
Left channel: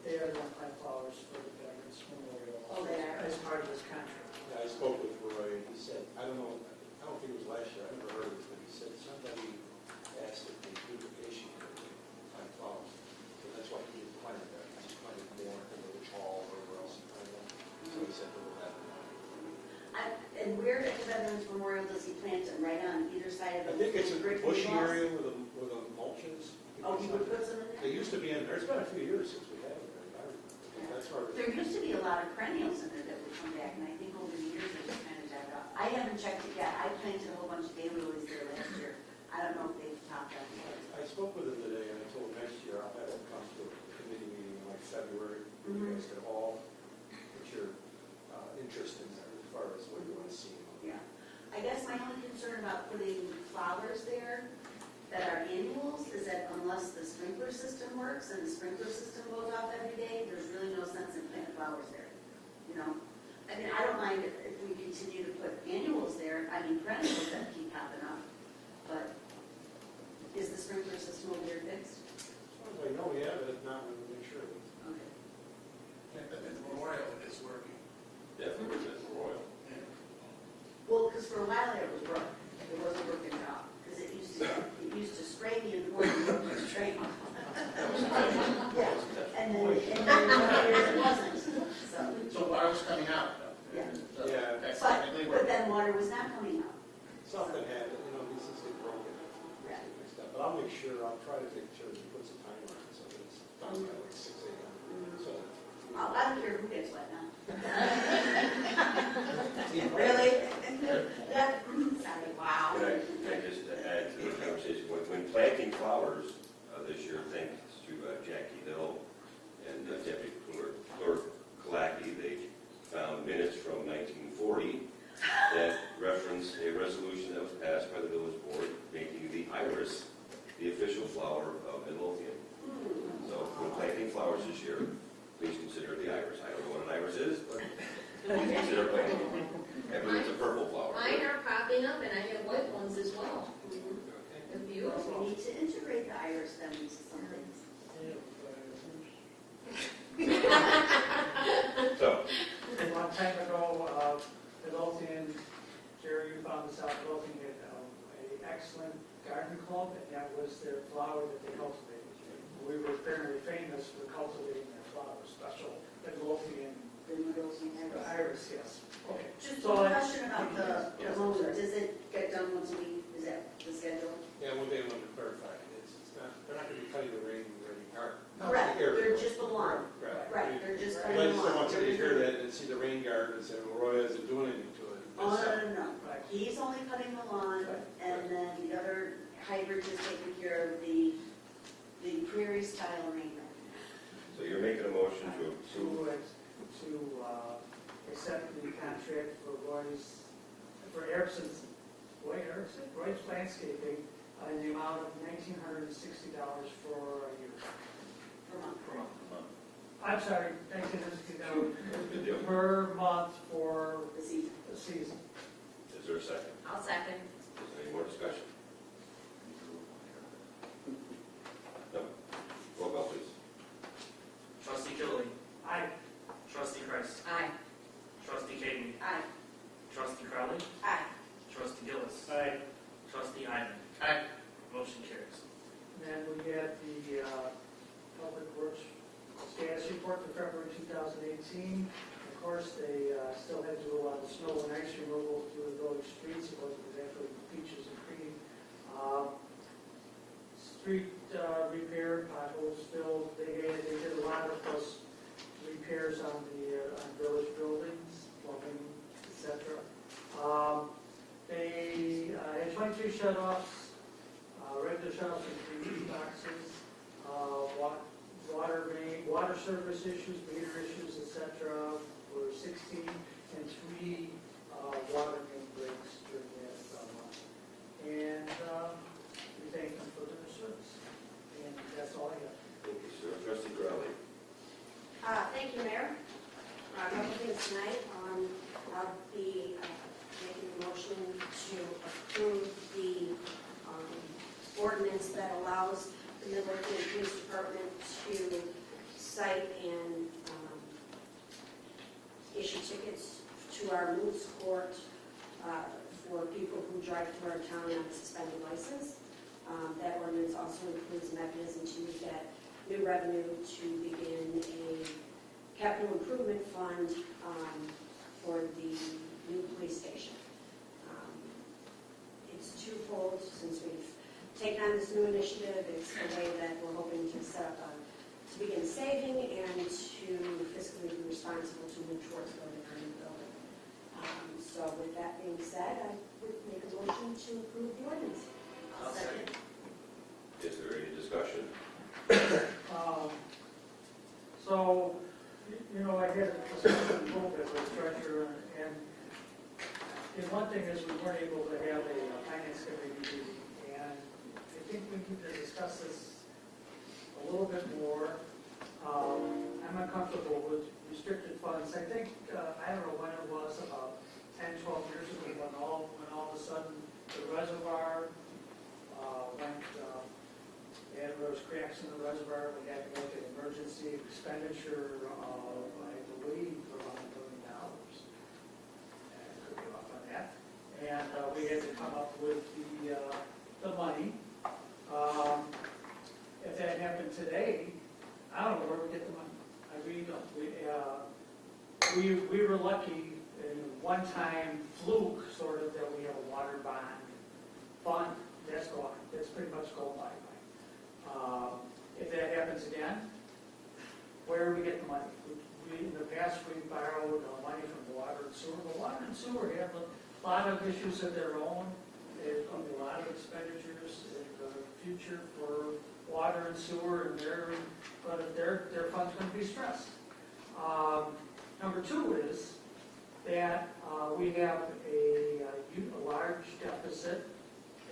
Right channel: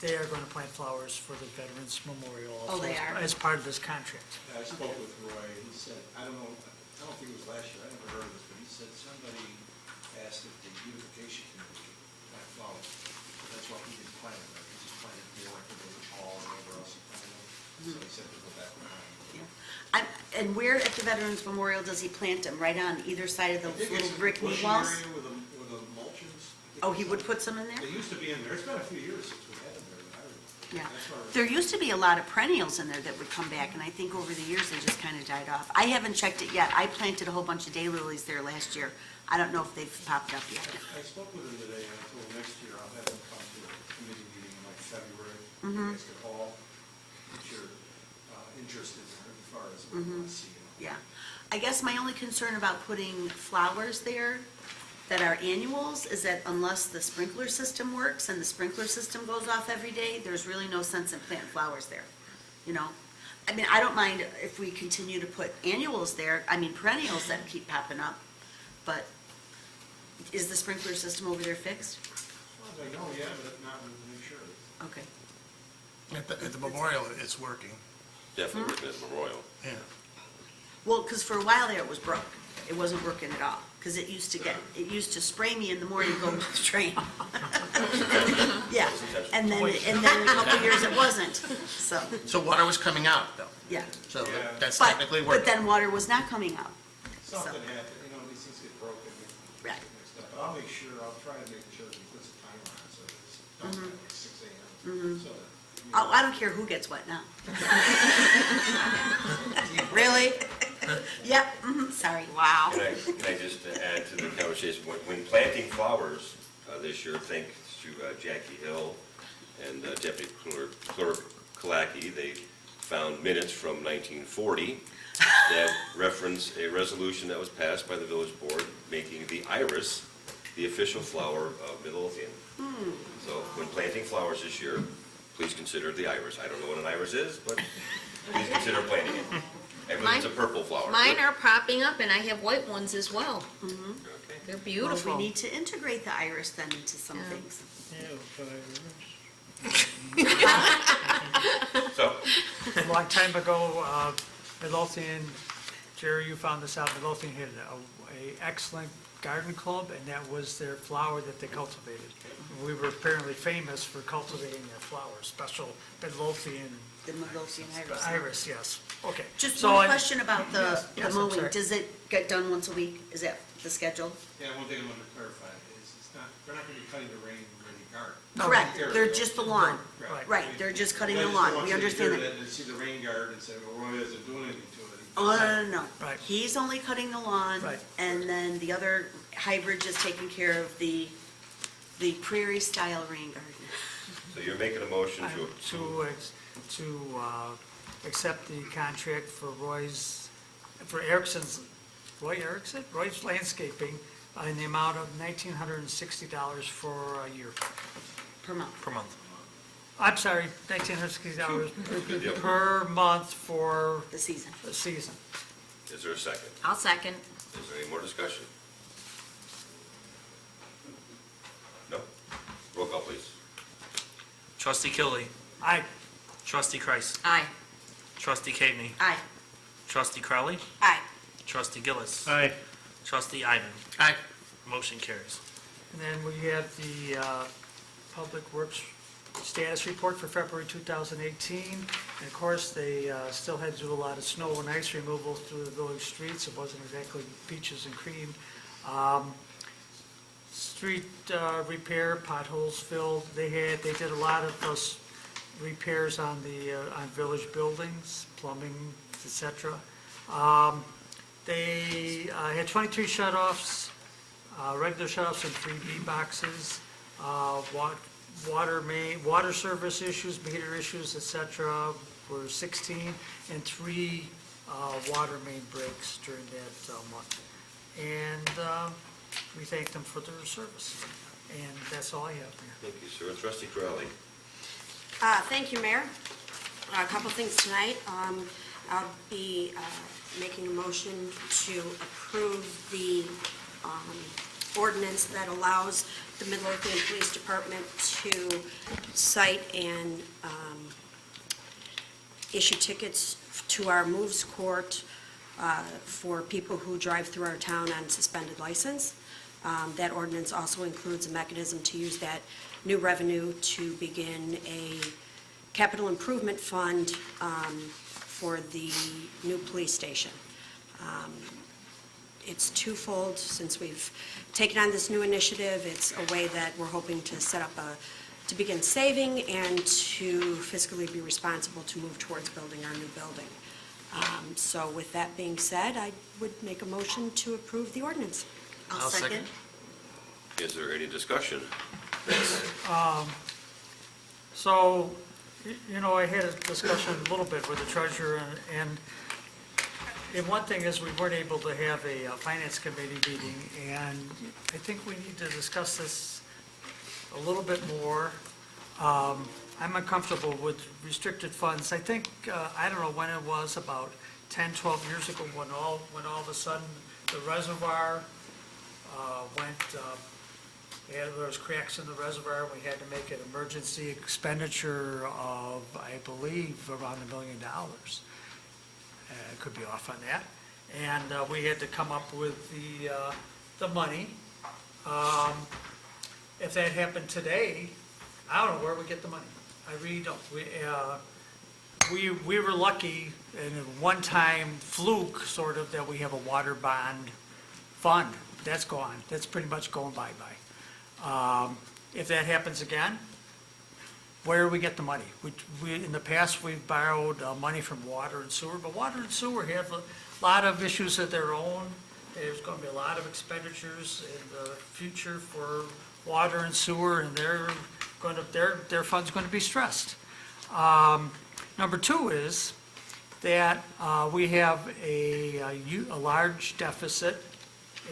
They are going to plant flowers for the Veterans Memorial also. Oh, they are? As part of this contract. I spoke with Roy, and he said, I don't think it was last year, I never heard of this, but he said somebody asked if the beautification committee would plant flowers. So that's why he didn't plant it, but he just planted, like the village hall or whatever else he planted. So he said, put it back. And where at the Veterans Memorial does he plant them? Right on either side of the I think it's little a brick bushy walls? area where the mulch is. Oh, he would put some in there? They used to be in there, it's been a few years since we had them there. Yeah. That's where. There used to be a lot of perennials in there that would come back, and I think over the years they just kind of died off. I haven't checked it yet. I planted a whole bunch of daylilies there last year. I don't know if they've popped up yet. I spoke with him today, and I told him next year I'll have him come to a committee meeting in like February. You guys could all put your interest in that as far as what you want to see. Yeah. I guess my only concern about putting flowers there that are annuals is that unless the sprinkler system works and the sprinkler system goes off every day, there's really no sense in planting flowers there, you know? I mean, I don't mind if we continue to put annuals there, I mean perennials that keep popping up, but is the sprinkler system over there fixed? As long as I know, yeah, but not with the make sure. Okay. At the memorial, it's working. Definitely written as Memorial. Yeah. Well, because for a while there it was broke. It wasn't working at all. Because it used to spray me in the morning and go straight off. Yeah, and then a couple of years it wasn't, so, So water was coming out, though, yeah. so Yeah. that's But, technically but working. then water was not coming up. Something happened, these things get broken. Right. But I'll make sure, I'll try to make sure he puts a timer on it, so it's done at like 6 a.m. So that- Oh, I don't care who gets what now. Really? Yep, sorry, wow. Can I just add to the conversation, when planting flowers this year, thanks to Jackie Hill and Deputy Clerk Kalaki, they found minutes from 1940 that reference a resolution that was passed by the village board making the iris the official flower of Midlothian. So when planting flowers this year, please consider the iris. I don't know what an iris is, but please consider planting it. I believe it's a purple flower. Mine are popping up, and I have white ones as well. Okay. They're Well, beautiful. we need to integrate the iris then into some Yeah. things. So, A long time ago, Midlothian, Jerry, you found this out, Midlothian had a excellent garden club, and that was their flower that they cultivated. We were apparently famous for cultivating that flower, special Midlothian The Midlothian iris. iris, yes. Okay. Just So one I- question about Yes, the I'm mowing. sorry. Does it get done once a week? Is that the schedule? Yeah, one thing I want to clarify is it's not, they're not going to be cutting the rain or any garden. No. Correct, they're just the lawn. Right. Right, they're just cutting I the just lawn. don't want We you to understand hear that. And see the rain garden and say, well, Roy hasn't doing anything to it. Oh, no. Right. He's only cutting the lawn. Right. And then the other hybrid is taking care of the prairie style rain garden. so you're making a motion to To, approve. accept the contract for Roy's Landscaping in the amount of $1,960 for a year. Per month. Per month. I'm sorry, $1,960 Good deal. per month for The season. the season. Is there a second? I'll second. Is there any more discussion? No? Roll call, please. Trustee Kilby. Aye. Trustee Kreis. Aye. Trustee Caveney. Aye. Trustee Crowley. Aye. Trustee Gillis. Aye. Trustee Ivan. Aye. Motion carries. And then we have the Public Works status report for February 2018. And of course, they still had to do a lot of snow and ice removal through the village streets. It wasn't exactly peaches and cream. Street repair, potholes filled. They did a lot of repairs on village buildings, plumbing, etc. They had 23 shut-offs, regular shut-offs in 3B boxes, water service issues, meter issues, etc. were 16, and 3 water main breaks during that month. And we thank them for their service. And that's all I have there. Thank you, sir. Trustee Crowley. Thank you, Mayor. A couple things tonight. I'll be making a motion to approve the ordinance that allows the Midlothian Police Department to cite and issue tickets to our moves court for people who drive through our town on suspended license. That ordinance also includes a mechanism to use that new revenue to begin a capital improvement fund for the new police station. It's twofold. Since we've taken on this new initiative, it's a way that we're hoping to set up to begin saving and to fiscally be responsible to move towards building our new building. So with that being said, I would make a motion to approve the ordinance. I'll second. Is there any discussion? So, I had a discussion a little bit with the treasurer, and one thing is we weren't able to have a finance committee meeting, and I think we need to discuss this a little bit more. I'm uncomfortable with restricted funds. I think, I don't know when it was, about 10, 12 years ago, when all of a sudden the reservoir there was cracks in the reservoir. We had to make an emergency expenditure of, I believe, around $1 million. Could be off on that. And we had to come up with the money. If that happened today, I don't know where we get the money. I really don't. We were lucky in a one-time fluke, sort of, that we have a water bond fund. That's gone. That's pretty much going bye-bye. If that happens again, where do we get the money? In the past, we've borrowed money from water and sewer, but water and sewer have a lot of issues of their own. There's going to be a lot of expenditures in the future for water and sewer, and their fund's gonna be stressed. Number two is that we have a large deficit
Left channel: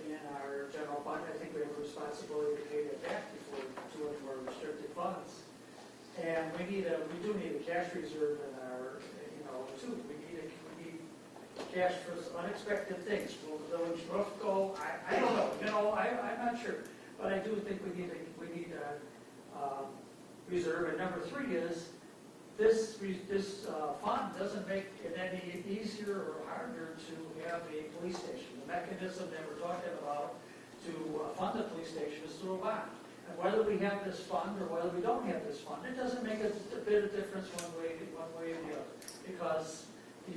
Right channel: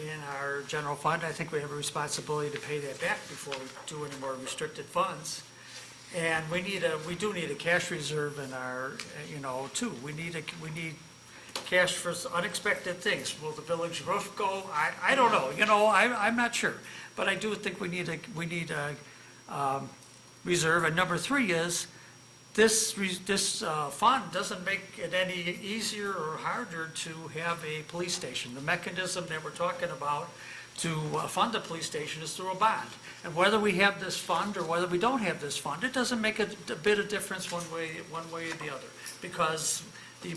in our general fund. I think we have a responsibility to pay that back before we do any more restricted funds. And we do need a cash reserve in our, too. We need cash for unexpected things. Will the village roof go? I don't know, I'm not sure. But I do think we need a reserve. And number three is, this fund doesn't make it any easier or harder to have a police station. The mechanism that we're talking about to fund a police station is through a bond. And whether we have this fund or whether we don't have this fund, it doesn't make a bit of difference one way or the other. Because the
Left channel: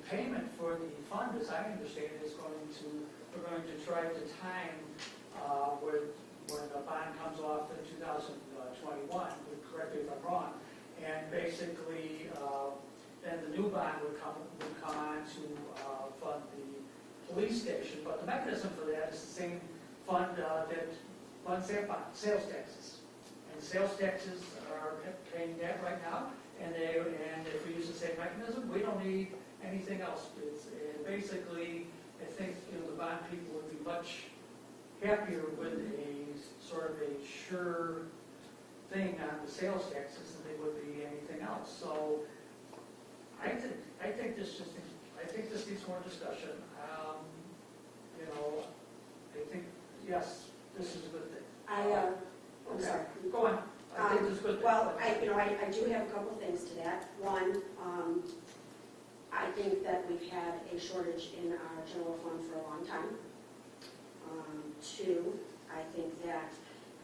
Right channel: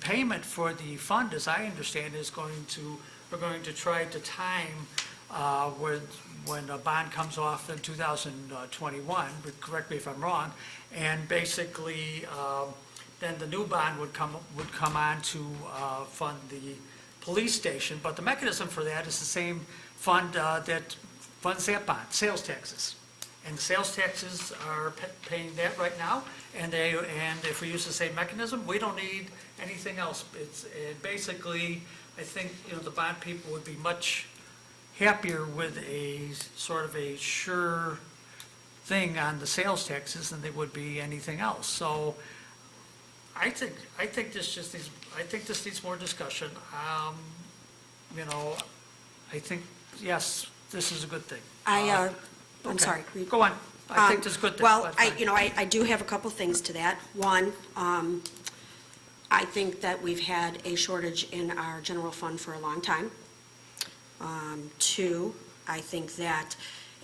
payment for the fund, as I understand, we're going to try to time when a bond comes off in 2021, but correct me if I'm wrong, and basically, then the new bond would come on to fund the police station. But the mechanism for that is the same fund that funds that bond, sales taxes. And sales taxes are paying that right now, and if we use the same mechanism, we don't need anything else. And basically, I think, the bond people would be much happier with a sort of a sure thing on the sales taxes than they would be anything else. So I think this needs more discussion. I think, yes, this is a good thing. I'm Okay. sorry. Go on. I think this is a good thing. Well, That's fine. I do have a couple things to that. One, I think that we've had a shortage in our general fund for a long time. Two, I think that,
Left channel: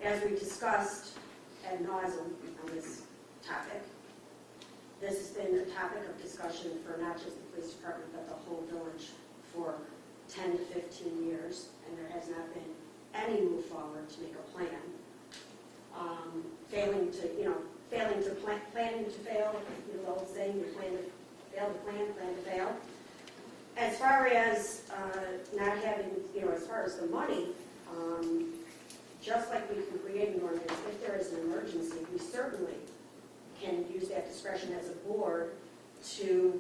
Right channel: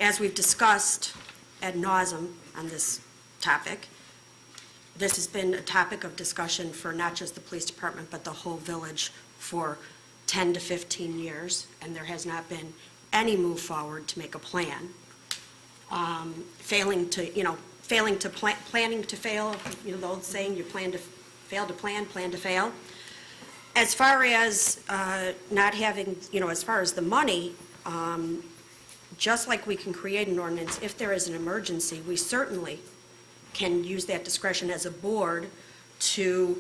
as we've discussed ad nauseum on this topic, this has been a topic of discussion for not just the police department, but the whole village for 10 to 15 years, and there has not been any move forward to make a plan. Planning to fail, the old saying, you fail to plan to fail. As far as not having, as far as the money, just like we can create an ordinance, if there is an emergency, we certainly can use that discretion as a board to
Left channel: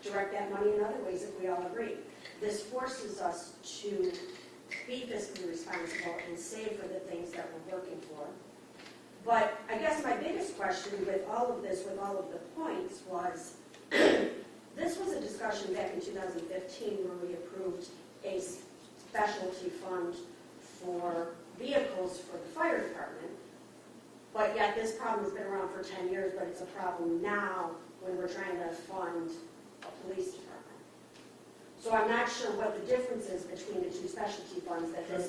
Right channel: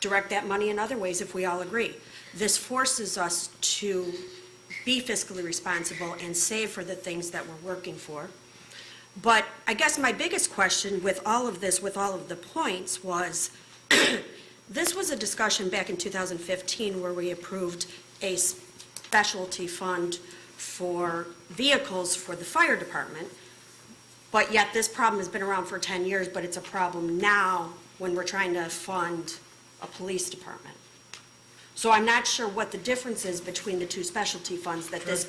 direct that money in other ways if we all agree. This forces us to be fiscally responsible and save for the things that we're working for. But I guess my biggest question with all of this, with all of the points, was this was a discussion back in 2015 where we approved a specialty fund for vehicles for the fire department, but yet this problem has been around for 10 years, but it's a problem now when we're trying to fund a police department. So I'm not sure what the difference is between the two specialty funds that this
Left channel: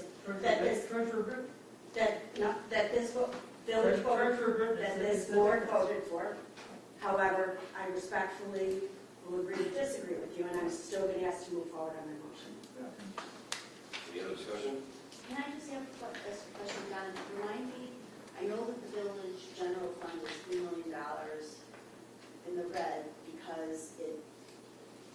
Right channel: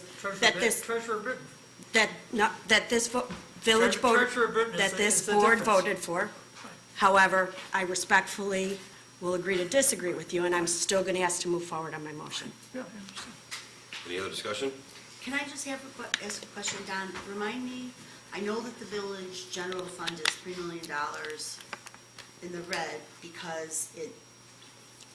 village voted, that this board voted for. However, I respectfully will agree to disagree with you, and I'm still going to ask to move forward on my motion. Yeah, I understand. Any other discussion? Can I just ask a question, Don? Remind me, I know that the village general fund is $3 million in the red because it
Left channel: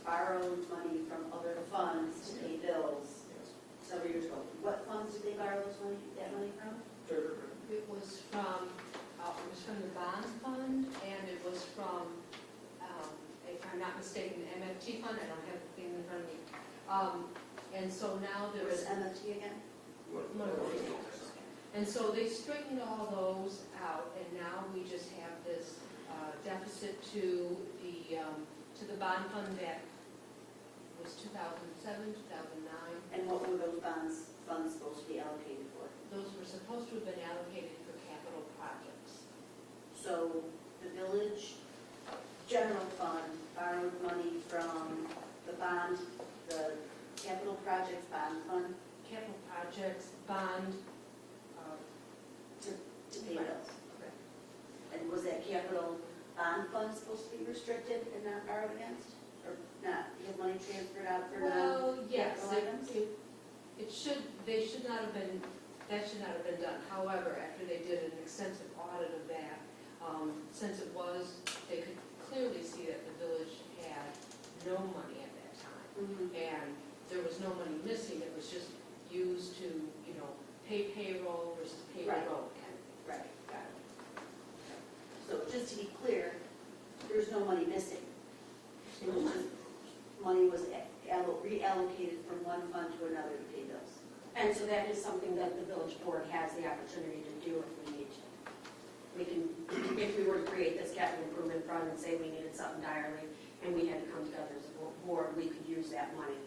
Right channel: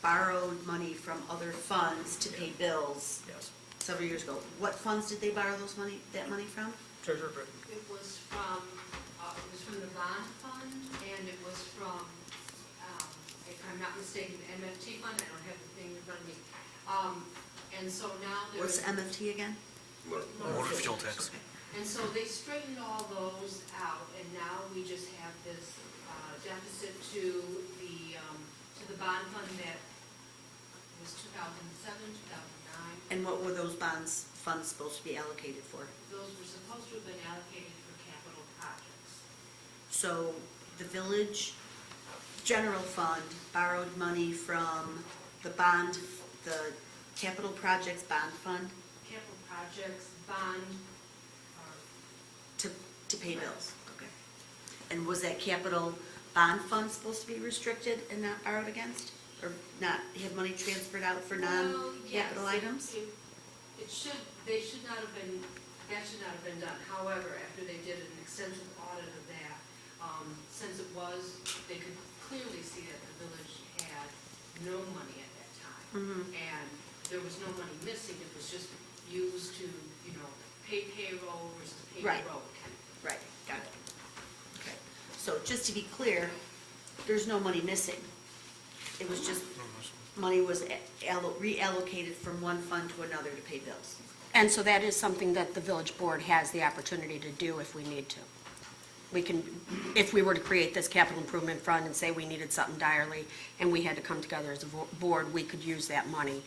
borrowed money from other funds to pay bills Yes. several years ago. What funds did they borrow that money from? Treasurer Britton. It was from the bond fund, and it was from, if I'm not mistaken, the MFT fund. I don't have the thing in front of me. And so now What's there's. MFT again? Motor fuel tax. Okay. And so they straightened all those out, and now we just have this deficit to the bond fund that was 2007, 2009. And what were those funds supposed to be allocated for? Those were supposed to have been allocated for capital projects. So the village general fund borrowed money from the capital projects bond fund Capital projects, bond, to pay bills? Okay. And was that capital bond fund supposed to be restricted and not borrowed against? Or not have money transferred out for well, yes, non-capital items? that should not have been done. However, after they did an extensive audit of that, since they could clearly see that the village had no money at that time. Mhm. And there was no money missing, it was just used to, pay payroll versus pay the Right. road. Right, got it. Okay. So just to be clear, there's no money missing. It was just, money was reallocated from one fund to another to pay bills. And so that is something that the village board has the opportunity to do if we need to. We can, if we were to create this capital improvement fund and say we needed something direly, and we had to come together as a board, we could use that money.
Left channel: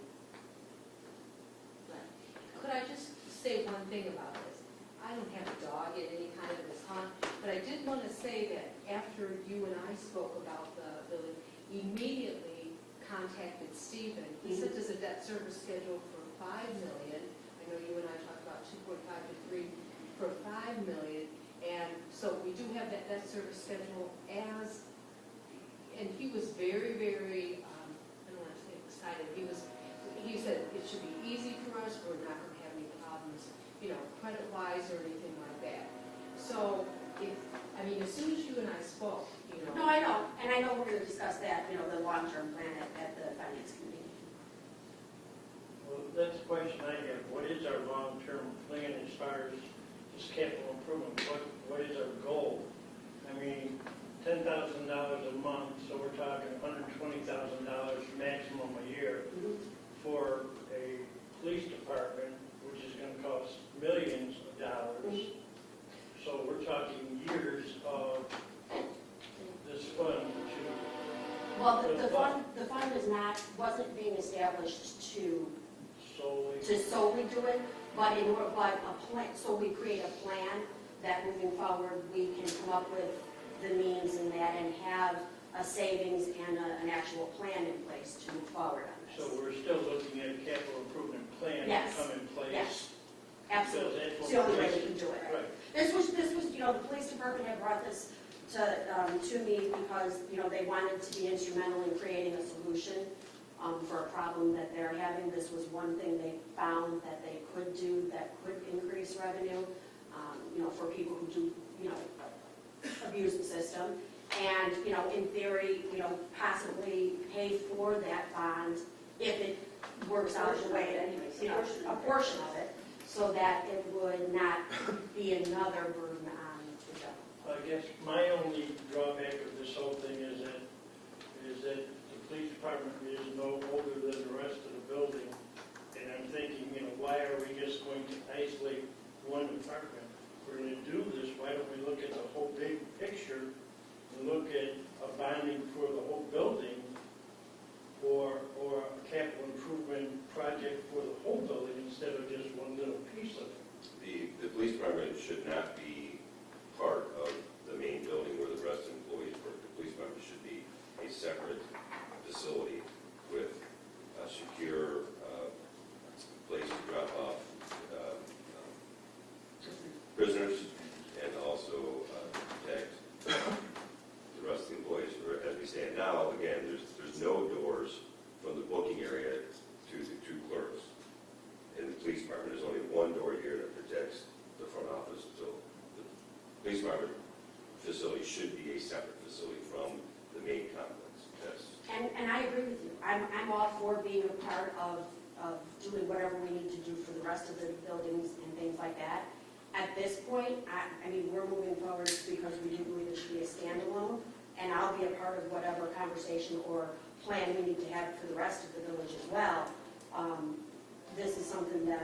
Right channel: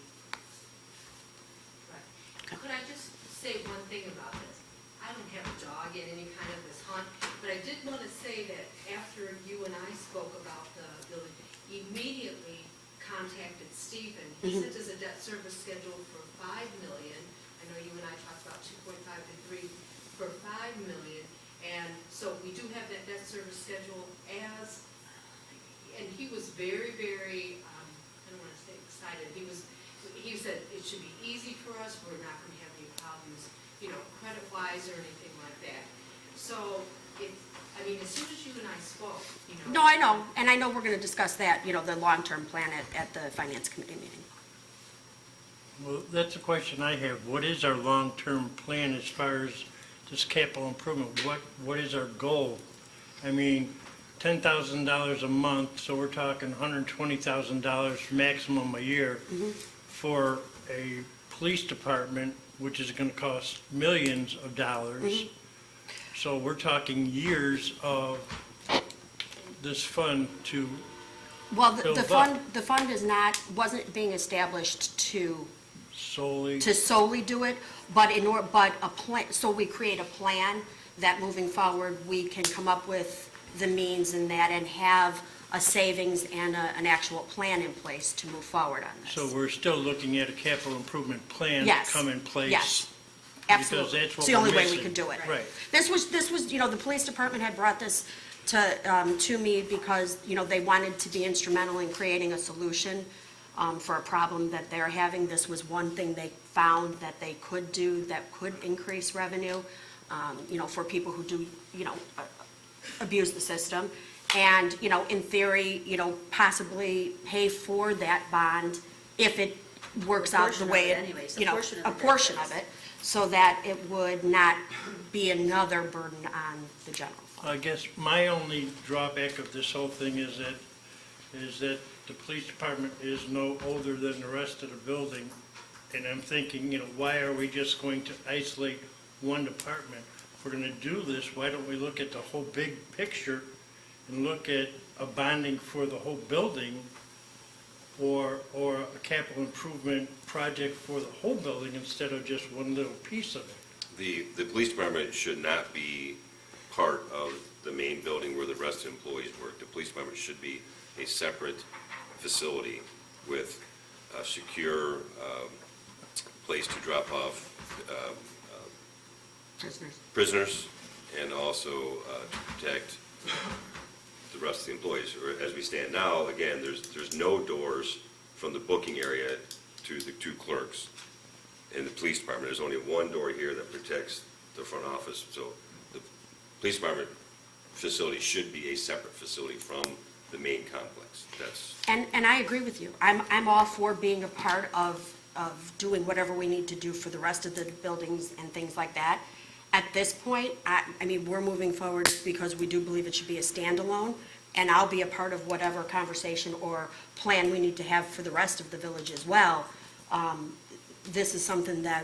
Right. Could I just say one thing about this? I don't have a dog in any kind of this hunt, but I did want to say that after you and I spoke about the village, immediately contacted Stephen. He sent us a debt service schedule for $5 million. I know you and I talked about 2.5 to 3 for $5 million. And so we do have that debt service schedule as, and he was very, very, I don't want to say excited. He said it should be easy for us. We're not going to have any problems, credit-wise or anything like that. So, as soon as you and I spoke, No, I know, and I know we're going to discuss that, the long-term plan at the finance committee meeting. Well, that's a question I have. What is our long-term plan as far as this capital improvement? What is our goal? I mean, $10,000 a month, so we're talking $120,000 maximum a year for a police department, which is going to cost millions of dollars. So we're talking years of this fund to Well, build the up. fund wasn't being established to Solely, solely do it, but a plan, so we create a plan that moving forward, we can come up with the means in that and have a savings and an actual plan in place to move forward on this. so we're still looking at a capital improvement plan to Yes. come in place. Yes, Because absolutely. that's what It's the we're only way we missing. could do it. Right. This was, the police department had brought this to me because, they wanted to be instrumental in creating a solution for a problem that they're having. This was one thing they found that they could do that could increase revenue, for people who do, abuse the system. And, in theory, possibly pay for that bond if it works out the way it, Anyways, a portion of it, so that it would not be another burden on the general fund. I guess my only drawback of this whole thing is that the police department is no older than the rest of the building. And I'm thinking, why are we just going to isolate one department? If we're going to do this, why don't we look at the whole big picture and look at a bonding for the whole building or a capital improvement project for the whole building instead of just one little piece of it? The police department should not be part of the main building where the rest of the employees work. The police department should be a separate facility with a secure place to drop off prisoners and also to protect the rest of the employees. As we stand now, again, there's no doors from the booking area to the two clerks. In the police department, there's only one door here that protects the front office. So the police department facility should be a separate facility from the main complex. And I agree with you. I'm all for being a part of doing whatever we need to do for the rest of the buildings and things like that. At this point, we're moving forward because we do believe it should be a standalone, and I'll be a part of whatever conversation or plan we need to have for the rest of the village as well. This is something that,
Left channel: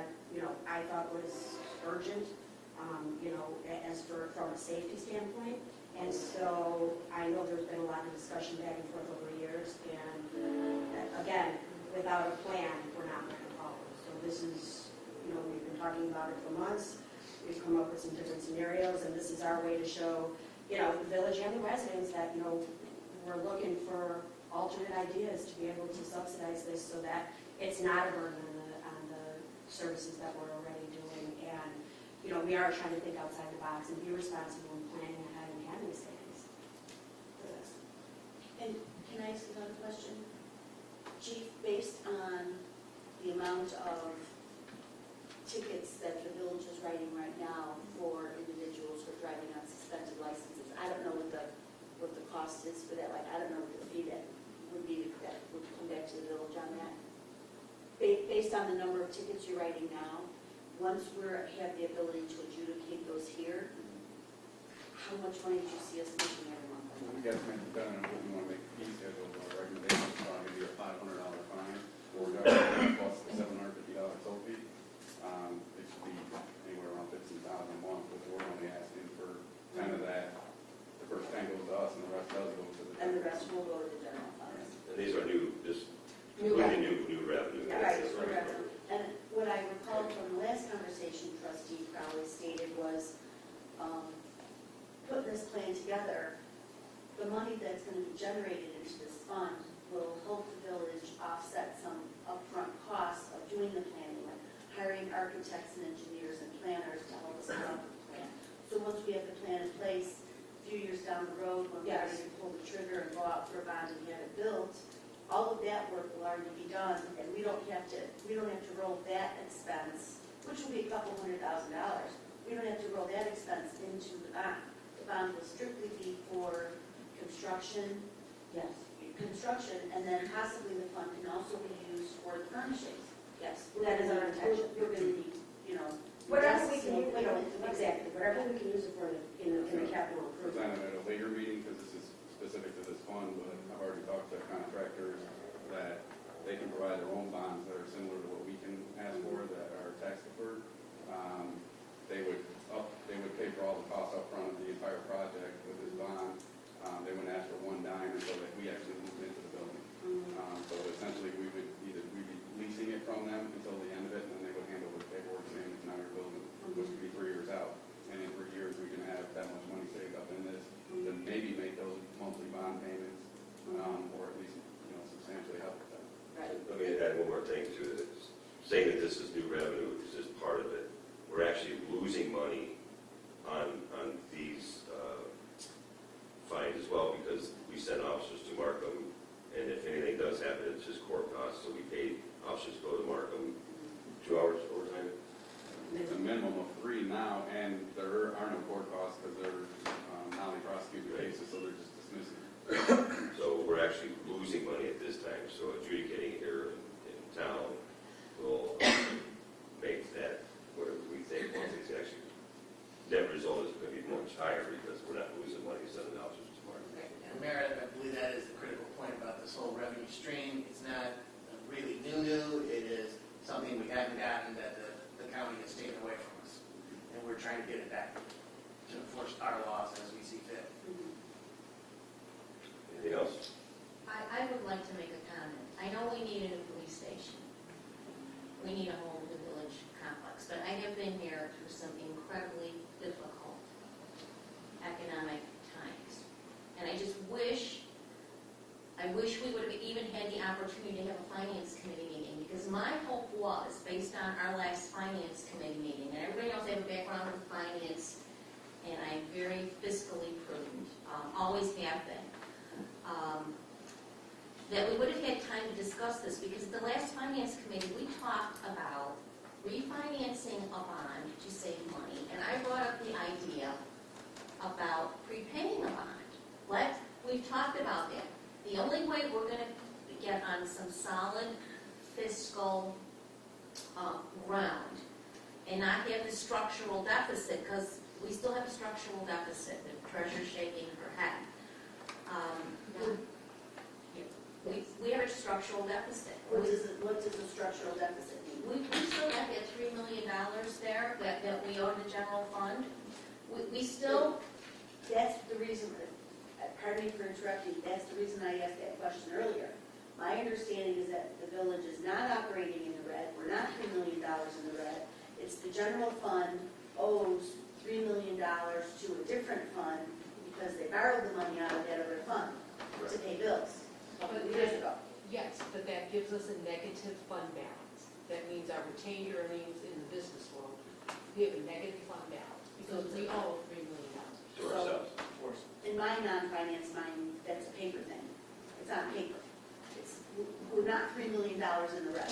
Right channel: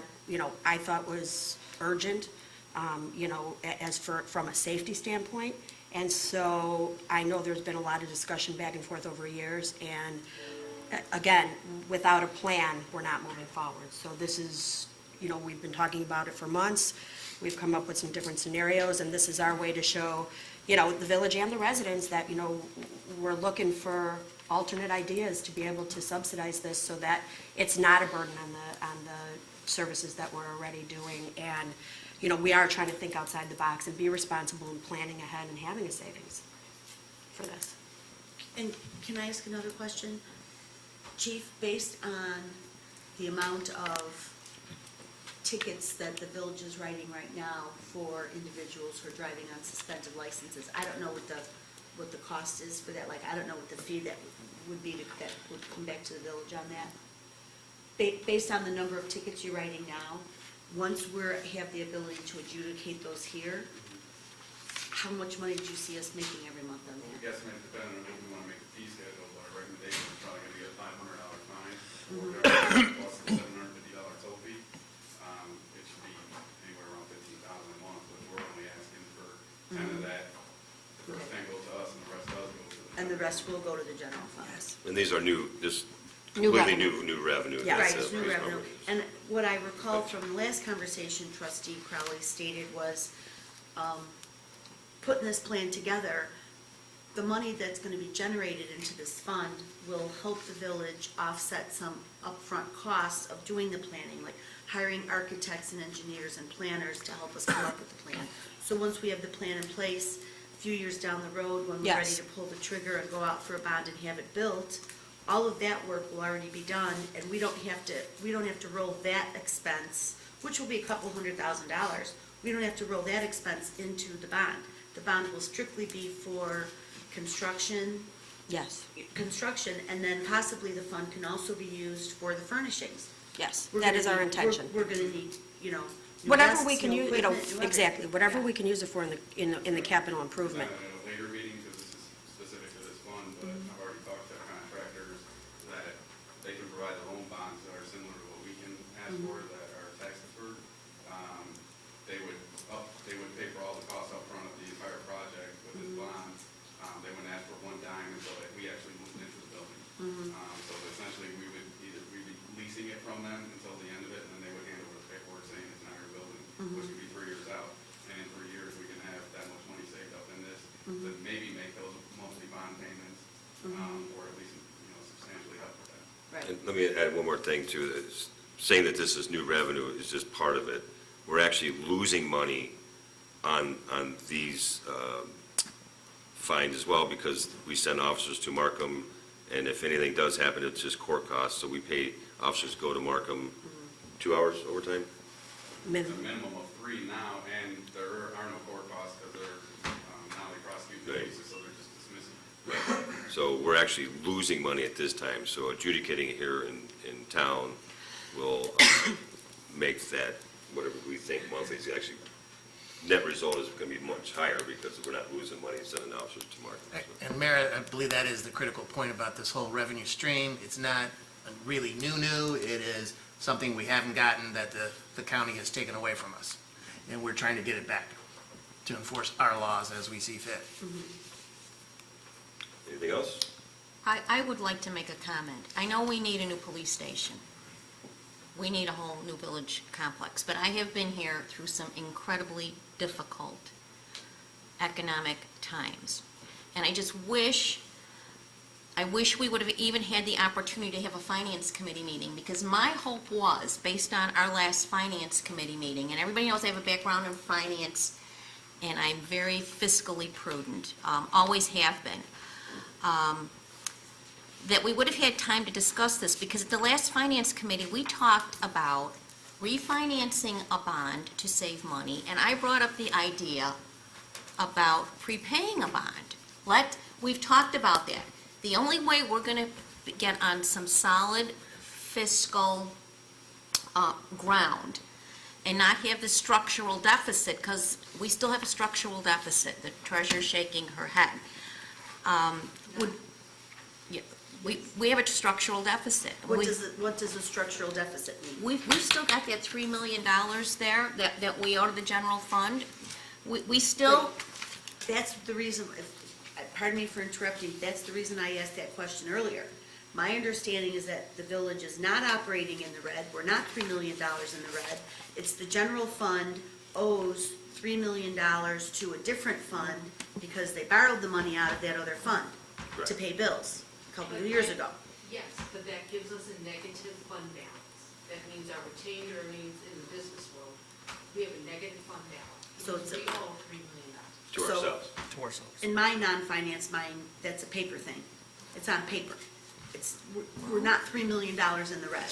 I thought was urgent, from a safety standpoint. And so I know there's been a lot of discussion back and forth over years, and again, without a plan, we're not moving forward. So this is, we've been talking about it for months. We've come up with some different scenarios, and this is our way to show, the village and the residents that, we're looking for alternate ideas to be able to subsidize this so that it's not a burden on the services that we're already doing. And, we are trying to think outside the box and be responsible in planning ahead and having a savings for this. And can I ask another question? Chief, based on the amount of tickets that the village is writing right now for individuals who are driving on suspended licenses, I don't know what the cost is for that. Like, I don't know what the fee that would be that would come back to the village on that. Based on the number of tickets you're writing now, once have the ability to adjudicate those here, how much money do you see us making every month on We that? estimate, depending on what we want to make the fee schedule, our recommendation is probably going to be a $500 fine, or plus the $750 toll fee. It should be anywhere around $15,000 a month, which we're only asking for 10 of that. The first 10 goes to us, and the rest does go to the. And the rest will go to the general fund? Yes. And these are new, just New completely revenue. new revenue. Yeah. Right, That's, it's new raised revenue. numbers. And what I recall from the last conversation trustee Crowley stated was, putting this plan together, the money that's gonna be generated into this fund will help the village offset some upfront costs of doing the planning, like hiring architects and engineers and planners to help us come up with the plan. So once we have the plan in place, a few years down the road, when we're ready Yes. to pull the trigger and go out for a bond and have it built, all of that work will already be done, and we don't have to roll that expense, which will be a couple $100,000. We don't have to roll that expense into the bond. The bond will strictly be for construction, Yes, and then possibly the fund can also be used for the furnishings. yes, We're that gonna is our need- intention. We're gonna need, new Whatever desks, we can new use, equipment, new everything. exactly, whatever Yeah. we can use it for in the capital improvement. Presented at a later meeting, because this is specific to this fund, but I've already talked to contractors that they can provide their own bonds that are similar to what we can ask for, that are tax deferred. They would pay for all the costs up front of the entire project with this bond. They wouldn't ask for one dime until we actually moved into the building. So essentially, we'd be leasing it from them until the end of it, and then they would hand over the paperwork saying it's in our building, which could be 3 years out. And in 3 years, we can have that much money saved up in this, then maybe make those monthly bond payments, or at least, substantially help with that. Right. And let me add one more thing to this. Saying that this is new revenue is just part of it. We're actually losing money on these fines as well, because we send officers to Markham, and if anything does happen, it's just court costs, so we pay officers to go to Markham 2 hours overtime. It's a minimum of 3 now, and there are no court costs because they're now they prosecute the Right. cases, so they're just dismissing. So we're actually losing money at this time, so adjudicating it here in town will make that, whatever we think monthly is actually, net result is going to be much higher because we're not losing money sending officers to Markham. And Mayor, I believe that is the critical point about this whole revenue stream. It's not really new. It is something we haven't gotten that the county has taken away from us. And we're trying to get it back to enforce our laws as we see fit. Anything else? I would like to make a comment. I know we need a new police station. We need a whole new village complex, but I have been here through some incredibly difficult economic times. And I just wish we would have even had the opportunity to have a finance committee meeting, because my hope was, based on our last finance committee meeting, and everybody knows I have a background in finance, and I'm very fiscally prudent, always have been, that we would have had time to discuss this, because at the last finance committee, we talked about refinancing a bond to save money, and I brought up the idea about prepaying a bond. We've talked about that. The only way we're going to get on some solid fiscal ground and not have the structural deficit, because we still have a structural deficit, the treasurer's shaking her head, we have a structural deficit. What does a structural deficit mean? We've still got that $3 million there that we owe to the general fund. We still, That's the reason, pardon me for interrupting, that's the reason I asked that question earlier. My understanding is that the village is not operating in the red, we're not $3 million in the red. It's the general fund owes $3 million to a different fund because they borrowed the money out of that other fund to pay bills a couple of years ago. Yes, but that gives us a negative fund balance. That means our retained earnings in the business world, we have a negative fund balance. So it's We owe $3 million. To So- ourselves. To ourselves. In my non-finance mind, that's a paper thing. It's on paper. We're not $3 million in the red.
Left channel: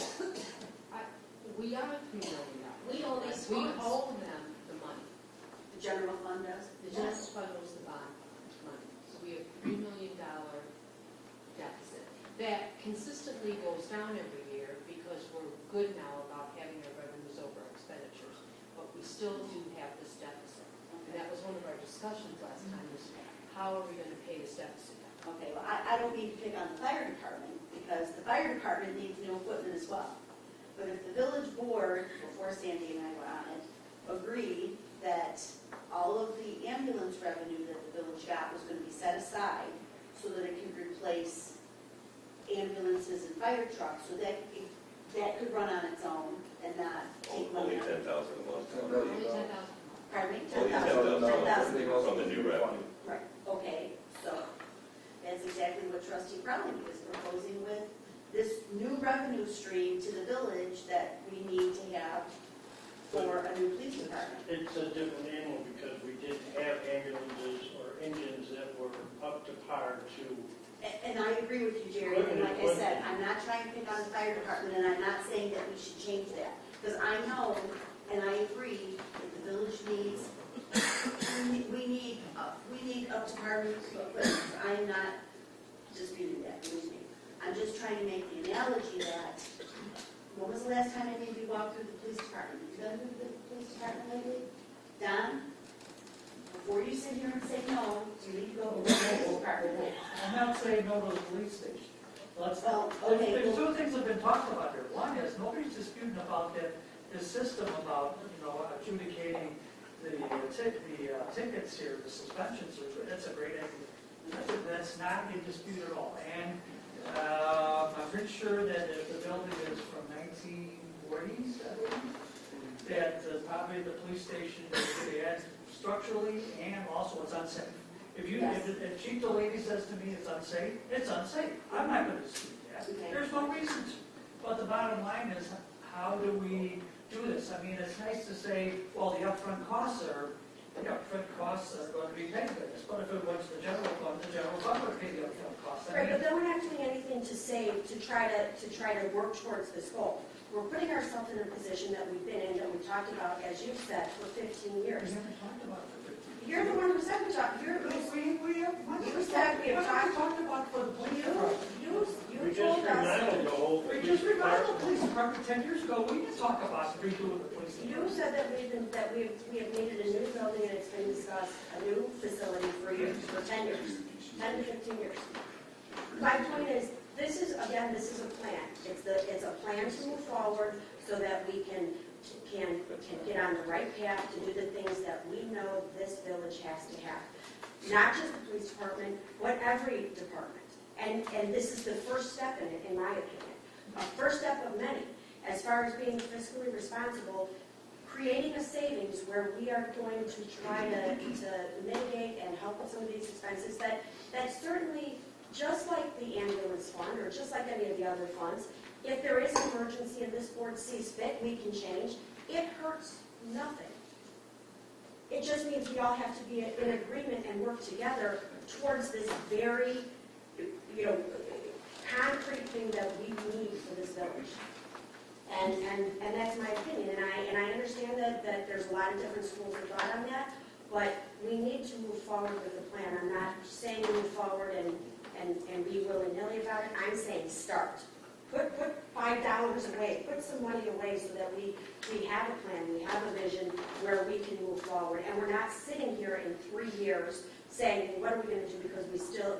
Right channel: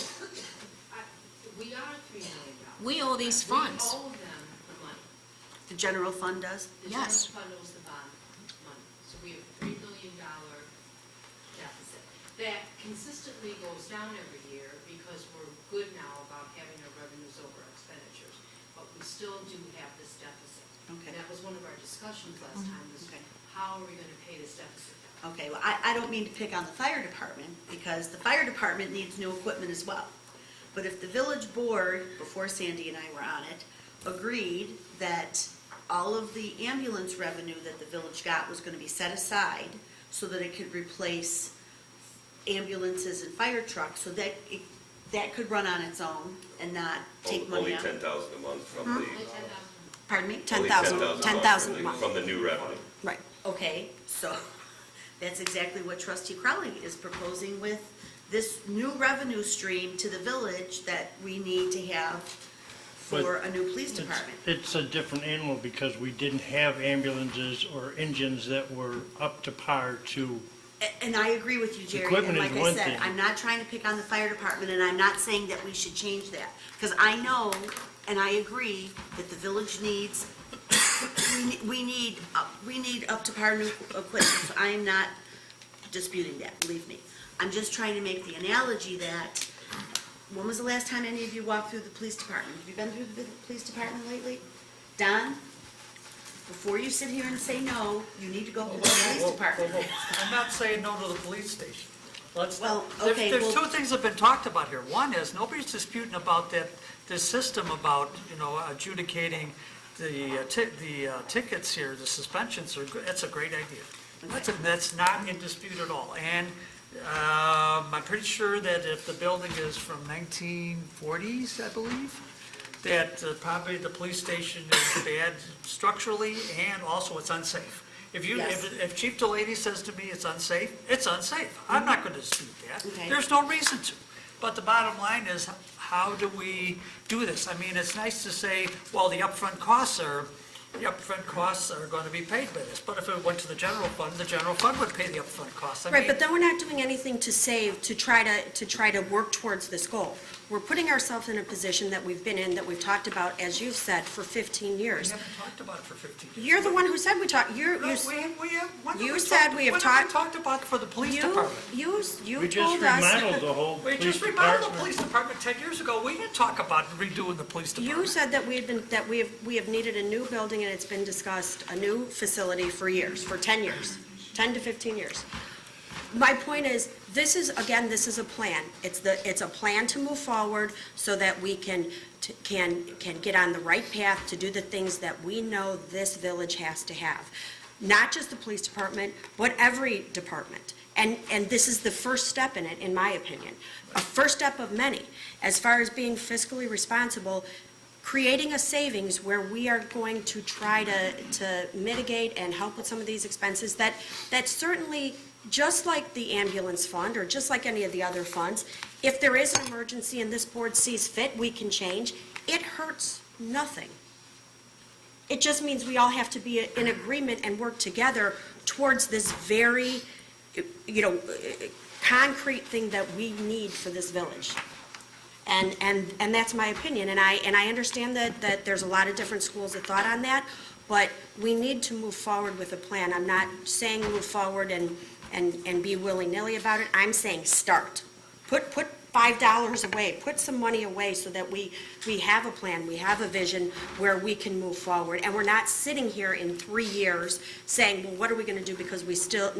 We are $3 million. we owe these funds. We owe them the money. The general fund does? The general Yes. fund owes the bond money. So we have $3 million deficit. That consistently goes down every year because we're good now about having our revenues over our expenditures. we still do have this deficit. Okay. That was one of our discussions last time, was how are we gonna pay this deficit now? Okay, well, I don't mean to pick on the fire department, because the fire department needs new equipment as well. But if the village board, before Sandy and I were on it, agreed that all of the ambulance revenue that the village got was gonna be set aside so that it could replace ambulances and fire trucks, so that that could run on its own and not take money Only out. 10,000 a month from Only the, 10,000. Pardon me? only 10,000 10,000 a from the- month. from the new revenue. Right. Okay, so that's exactly what trustee Crowley is proposing with this new revenue stream to the village that we need to have for a new police department. It's a different animal because we didn't have ambulances or engines that were up to par to, And I agree with you, Jerry, and Equipment is like I one said, thing. I'm not trying to pick on the fire department, and I'm not saying that we should change that. Because I know, and I agree, that the village needs, we need up to par new equipment. So I am not disputing that, believe me. I'm just trying to make the analogy that, when was the last time any of you walked through the police department? Have you been through the police department lately? Don? Before you sit here and say no, you need to go to the police department. I'm not saying no to the police station. Well, There's okay, there's well- two things that have been talked about here. One is, nobody's disputing about that, this system about, adjudicating the tickets here, the suspensions are good. That's a great idea. That's not in dispute at all. And I'm pretty sure that if the building is from 1940s, I believe, that probably the police station is bad structurally, and also it's unsafe. Yes. If Chief Delaney says to me it's unsafe, it's unsafe. I'm not going to dispute that. Okay. There's no reason to. But the bottom line is, how do we do this? I mean, it's nice to say, well, the upfront costs are going to be paid by this. But if it went to the general fund would pay the upfront costs. I Right, mean, but then we're not doing anything to save, to try to work towards this goal. We're putting ourselves in a position that we've been in, that we've talked about, as you've said, for 15 we years. haven't talked about it for 15 years. You're the one who said we talked, No, when have you we said talked- we have when talked- talked about for the police department? you we just told us, remodeled the whole We police just remodeled the department. police department 10 years ago. We didn't talk about redoing the police department. you said that we have needed a new building, and it's been discussed, a new facility for years, for 10 years, 10 to 15 years. My point is, this is a plan. It's a plan to move forward so that we can get on the right path to do the things that we know this village has to have. Not just the police department, but every department. And this is the first step in it, in my opinion. A first step of many. As far as being fiscally responsible, creating a savings where we are going to try to mitigate and help with some of these expenses that certainly, just like the ambulance fund, or just like any of the other funds, if there is an emergency and this board sees fit, we can change. It hurts nothing. It just means we all have to be in agreement and work together towards this very, concrete thing that we need for this village. And that's my opinion, and I understand that there's a lot of different schools of thought on that, but we need to move forward with a plan. I'm not saying move forward and be willy-nilly about it. I'm saying start. Put $5 away, put some money away so that we have a plan, we have a vision where we can move forward. And we're not sitting here in 3 years saying, well, what are we gonna do, because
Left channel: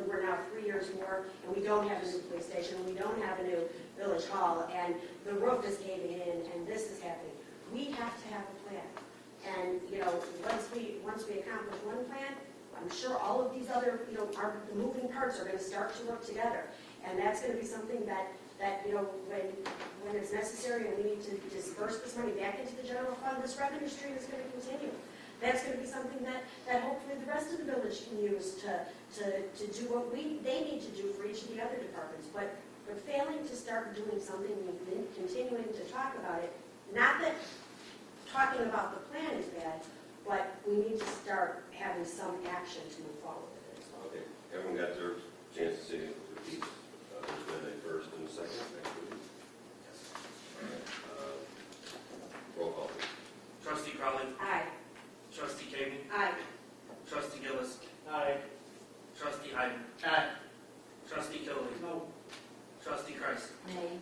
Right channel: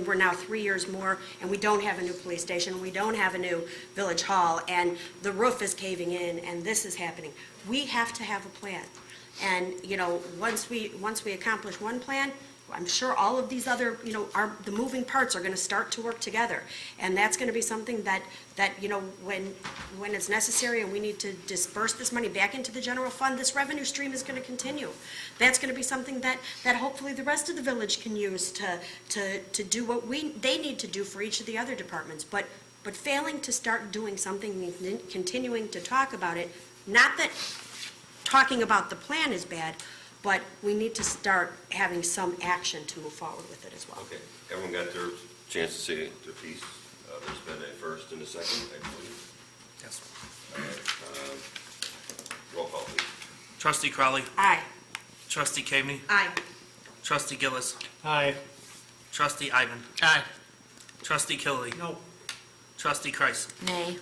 we're now 3 years more and we don't have a new police station, we don't have a new village hall, and the roof is caving in and this is happening. We have to have a plan. And, once we accomplish one plan, I'm sure all of these other, the moving parts are gonna start to work together. And that's gonna be something that, when it's necessary and we need to disperse this money back into the general fund, this revenue stream is gonna continue. That's gonna be something that hopefully the rest of the village can use to do what they need to do for each of the other departments. But failing to start doing something means continuing to talk about it. Not that talking about the plan is bad, but we need to start having some action to move forward with it as well. Okay, everyone got their chance to say their piece. There's been a first and a second, I believe. Yes. Roll call, please. Trustee Crowley, Aye. trustee Caveney, Aye. trustee Gillis, Aye. trustee Ivan, Aye. trustee Killily, No, trustee Kreis. Nay.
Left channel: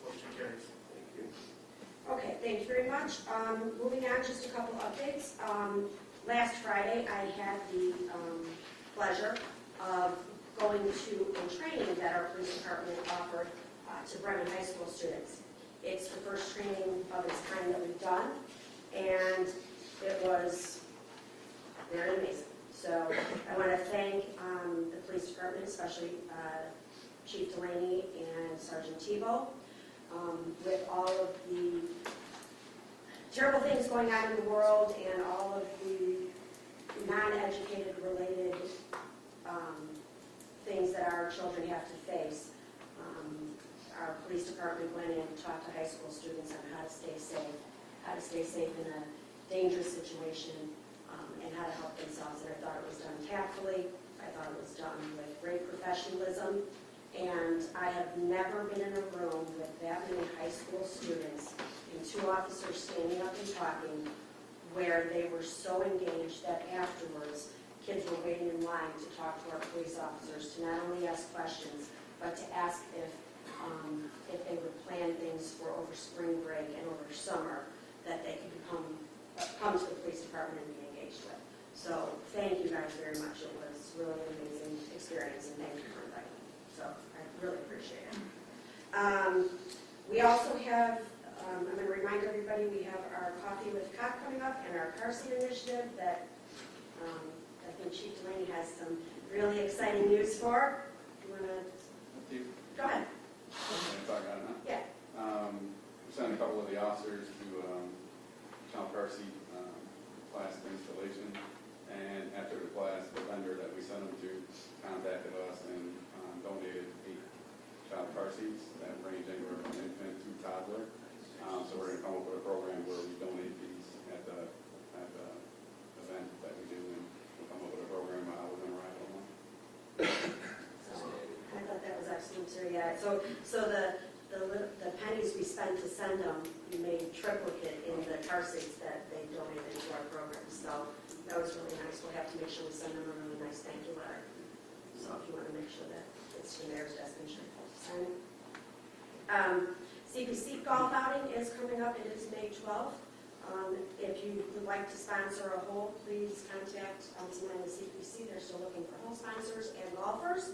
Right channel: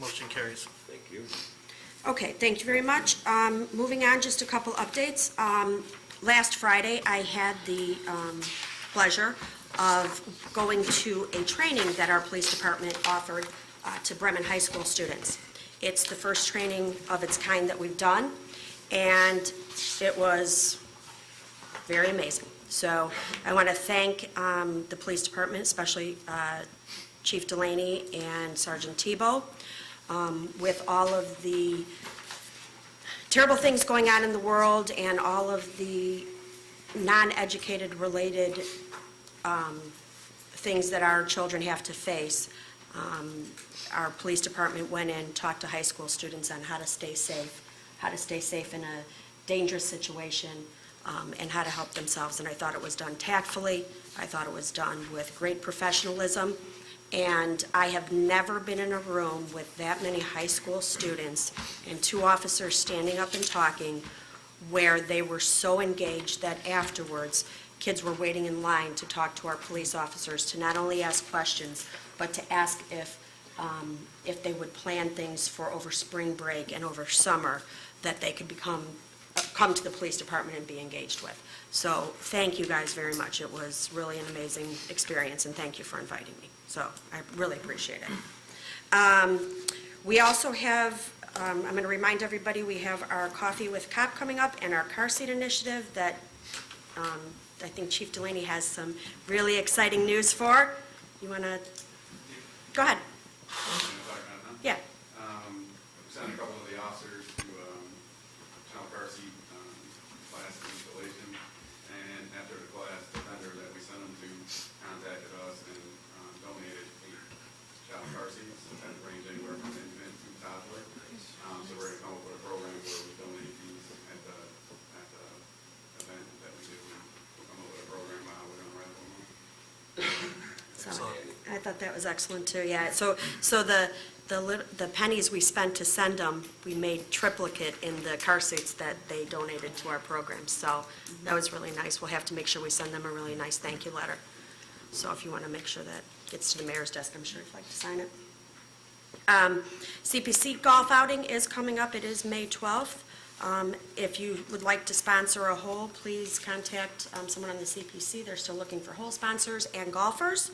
Motion carries. Thank you. Okay, thank you very much. Moving on, just a couple updates. Last Friday, I had the pleasure of going to a training that our police department offered to Bremen High School students. It's the first training of its kind that we've done, and it was very amazing. So I want to thank the police department, especially Chief Delaney and Sergeant Tebow, with all of the terrible things going on in the world and all of the non-educated related things that our children have to face. Our police department went in, talked to high school students on how to stay safe in a dangerous situation, and how to help themselves. And I thought it was done tactfully. I thought it was done with great professionalism. And I have never been in a room with that many high school students and 2 officers standing up and talking where they were so engaged that afterwards, kids were waiting in line to talk to our police officers, to not only ask questions, but to ask if they would plan things for over spring break and over summer that they could come to the police department and be engaged with. So thank you guys very much. It was really an amazing experience, and thank you for inviting me. So I really appreciate it. We also have, I'm going to remind everybody, we have our Coffee with Cop coming up and our car seat initiative that I think Chief Delaney has some really exciting news for. You want to, go ahead. Yeah. We sent a couple of the officers to child car seat class installation, and after the class, the vendor that we sent them to contacted us and donated 8 child car seats that range anywhere from infant to toddler. So we're going to come up with a program where we donate these at the event that we do, and we'll come up with a program on how we're going to wrap them up. So I thought that was excellent too, yeah. So the pennies we spent to send them, we made triplicate in the car seats that they donated to our program. So that was really nice. We'll have to make sure we send them a really nice thank you letter. So if you want to make sure that gets to the mayor's desk, I'm sure you'd like to sign it. CPC golf outing is coming up. It is May 12th. If you would like to sponsor a hole, please contact someone on the CPC. They're still looking for hole sponsors and golfers.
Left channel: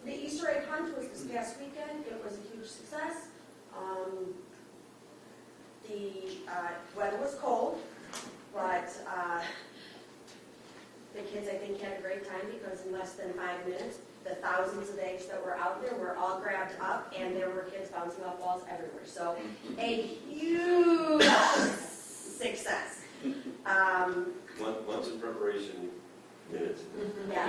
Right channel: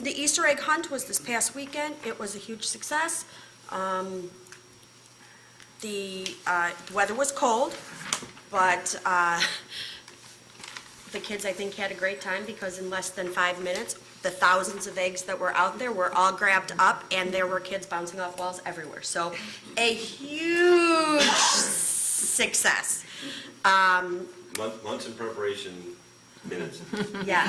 The Easter egg hunt was this past weekend. It was a huge success. The weather was cold, but the kids, I think, had a great time because in less than 5 minutes, the thousands of eggs that were out there were all grabbed up, and there were kids bouncing off walls everywhere. So a huge success. Months in preparation, minutes. Yes.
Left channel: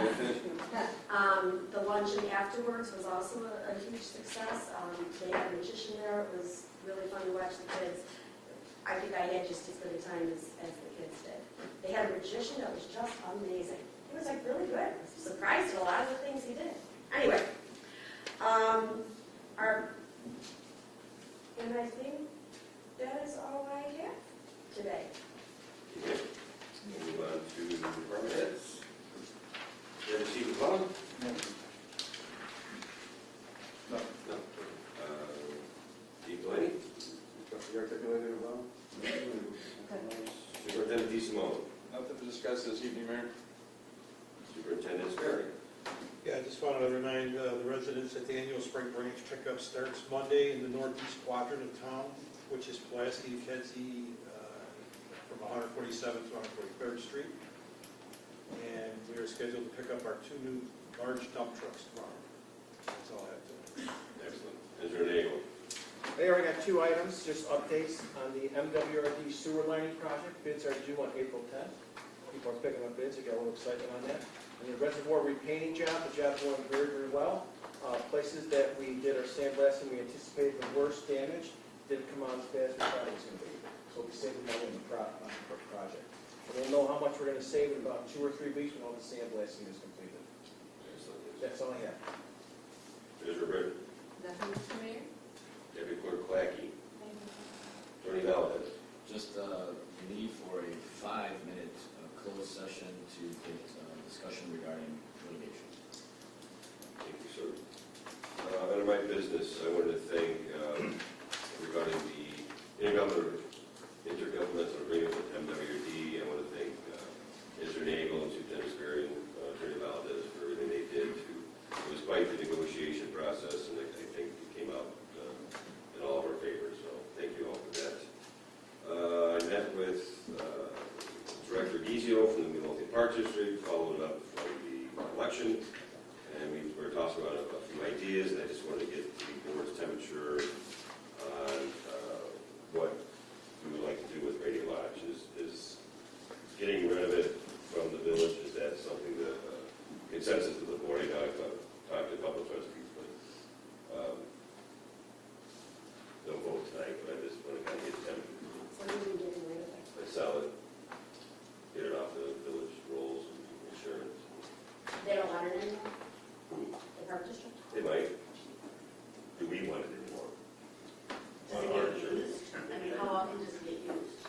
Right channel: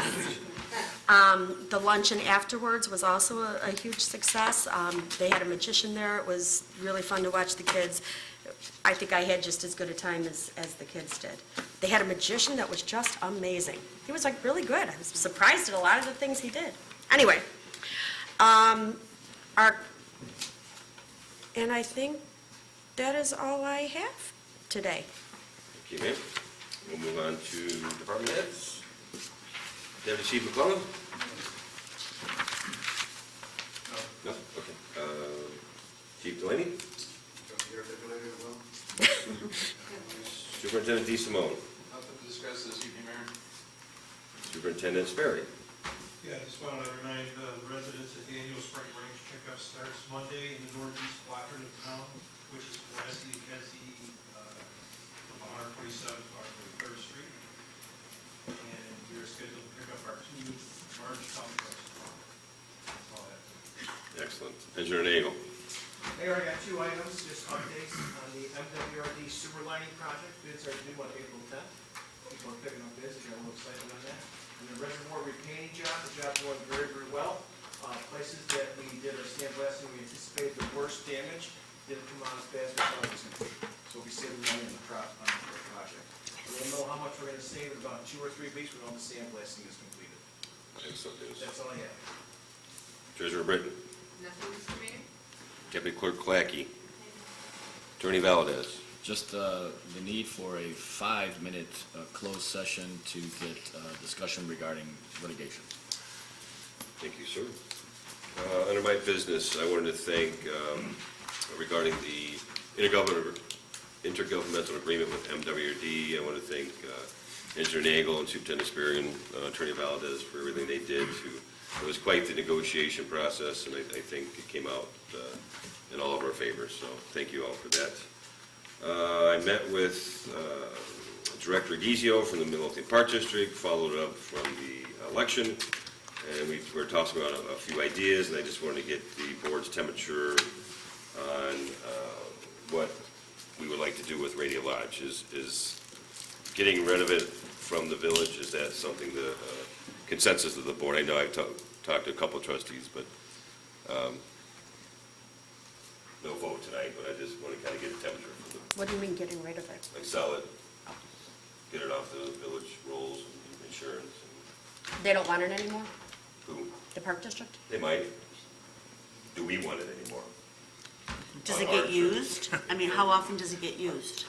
The luncheon afterwards was also a huge success. They had a magician there. It was really fun to watch the kids. I think I had just as good a time as the kids did. They had a magician that was just amazing. He was like really good. I was surprised at a lot of the things he did. Anyway, and I think that is all I have today. Okay, we'll move on to department heads. Deputy Chief McClellan? No? Okay. Chief Delaney? Superintendent DeSimone? Nothing to discuss this evening, Mayor. Superintendent Sperry? Yeah, I just wanted to remind the residents that the annual spring branch pickup starts Monday in the northeast quadrant of town, which is Pulaski, Kedzie, from 147th to 143rd Street. And we are scheduled to pick up our 2 new large dump trucks tomorrow. That's all I have to say. Excellent. Engineer Nagel? Mayor, I got 2 items, just updates on the MWRD sewer lining project. Bids are due on April 10th. People are picking up bids, we got a little excitement on that. And the reservoir repainting job, the job's going very, very well. Places that we did our sandblasting, we anticipated the worst damage, didn't come out as bad as we thought it was going to be. So we saved the money on the project. We'll know how much we're going to save in about 2 or 3 weeks when all the sandblasting is completed. Excellent news. That's all I have. Treasurer Britton? Nothing, Mr. Mayor? Deputy Clerk Clacky? Attorney Valdez? Just the need for a 5-minute closed session to get discussion regarding litigation. Thank you, sir. Under my business, I wanted to thank, regarding the intergovernmental agreement with MWD. I want to thank Engineer Nagel and Superintendent Sperry and Attorney Valdez for everything they did it was quite the negotiation process, and I think it came out in all of our favor, so thank you all for that. I met with Director Gizio from the Midlothian Park District, followed up from the election, and we were talking about a few ideas, and I just wanted to get the board's temperature on what we would like to do with Radio Lodge. Is getting rid of it from the village, is that something the consensus of the board? I know I've talked to a couple of trustees, but no vote tonight, but I just want to kind of get the temperature from them. What do you mean getting rid of it? Like sell it, get it off the village rolls, and insurance. They don't want it anymore, Who? the Park District? They might. Do we want it anymore? Does it get used? I mean, how often does it get used?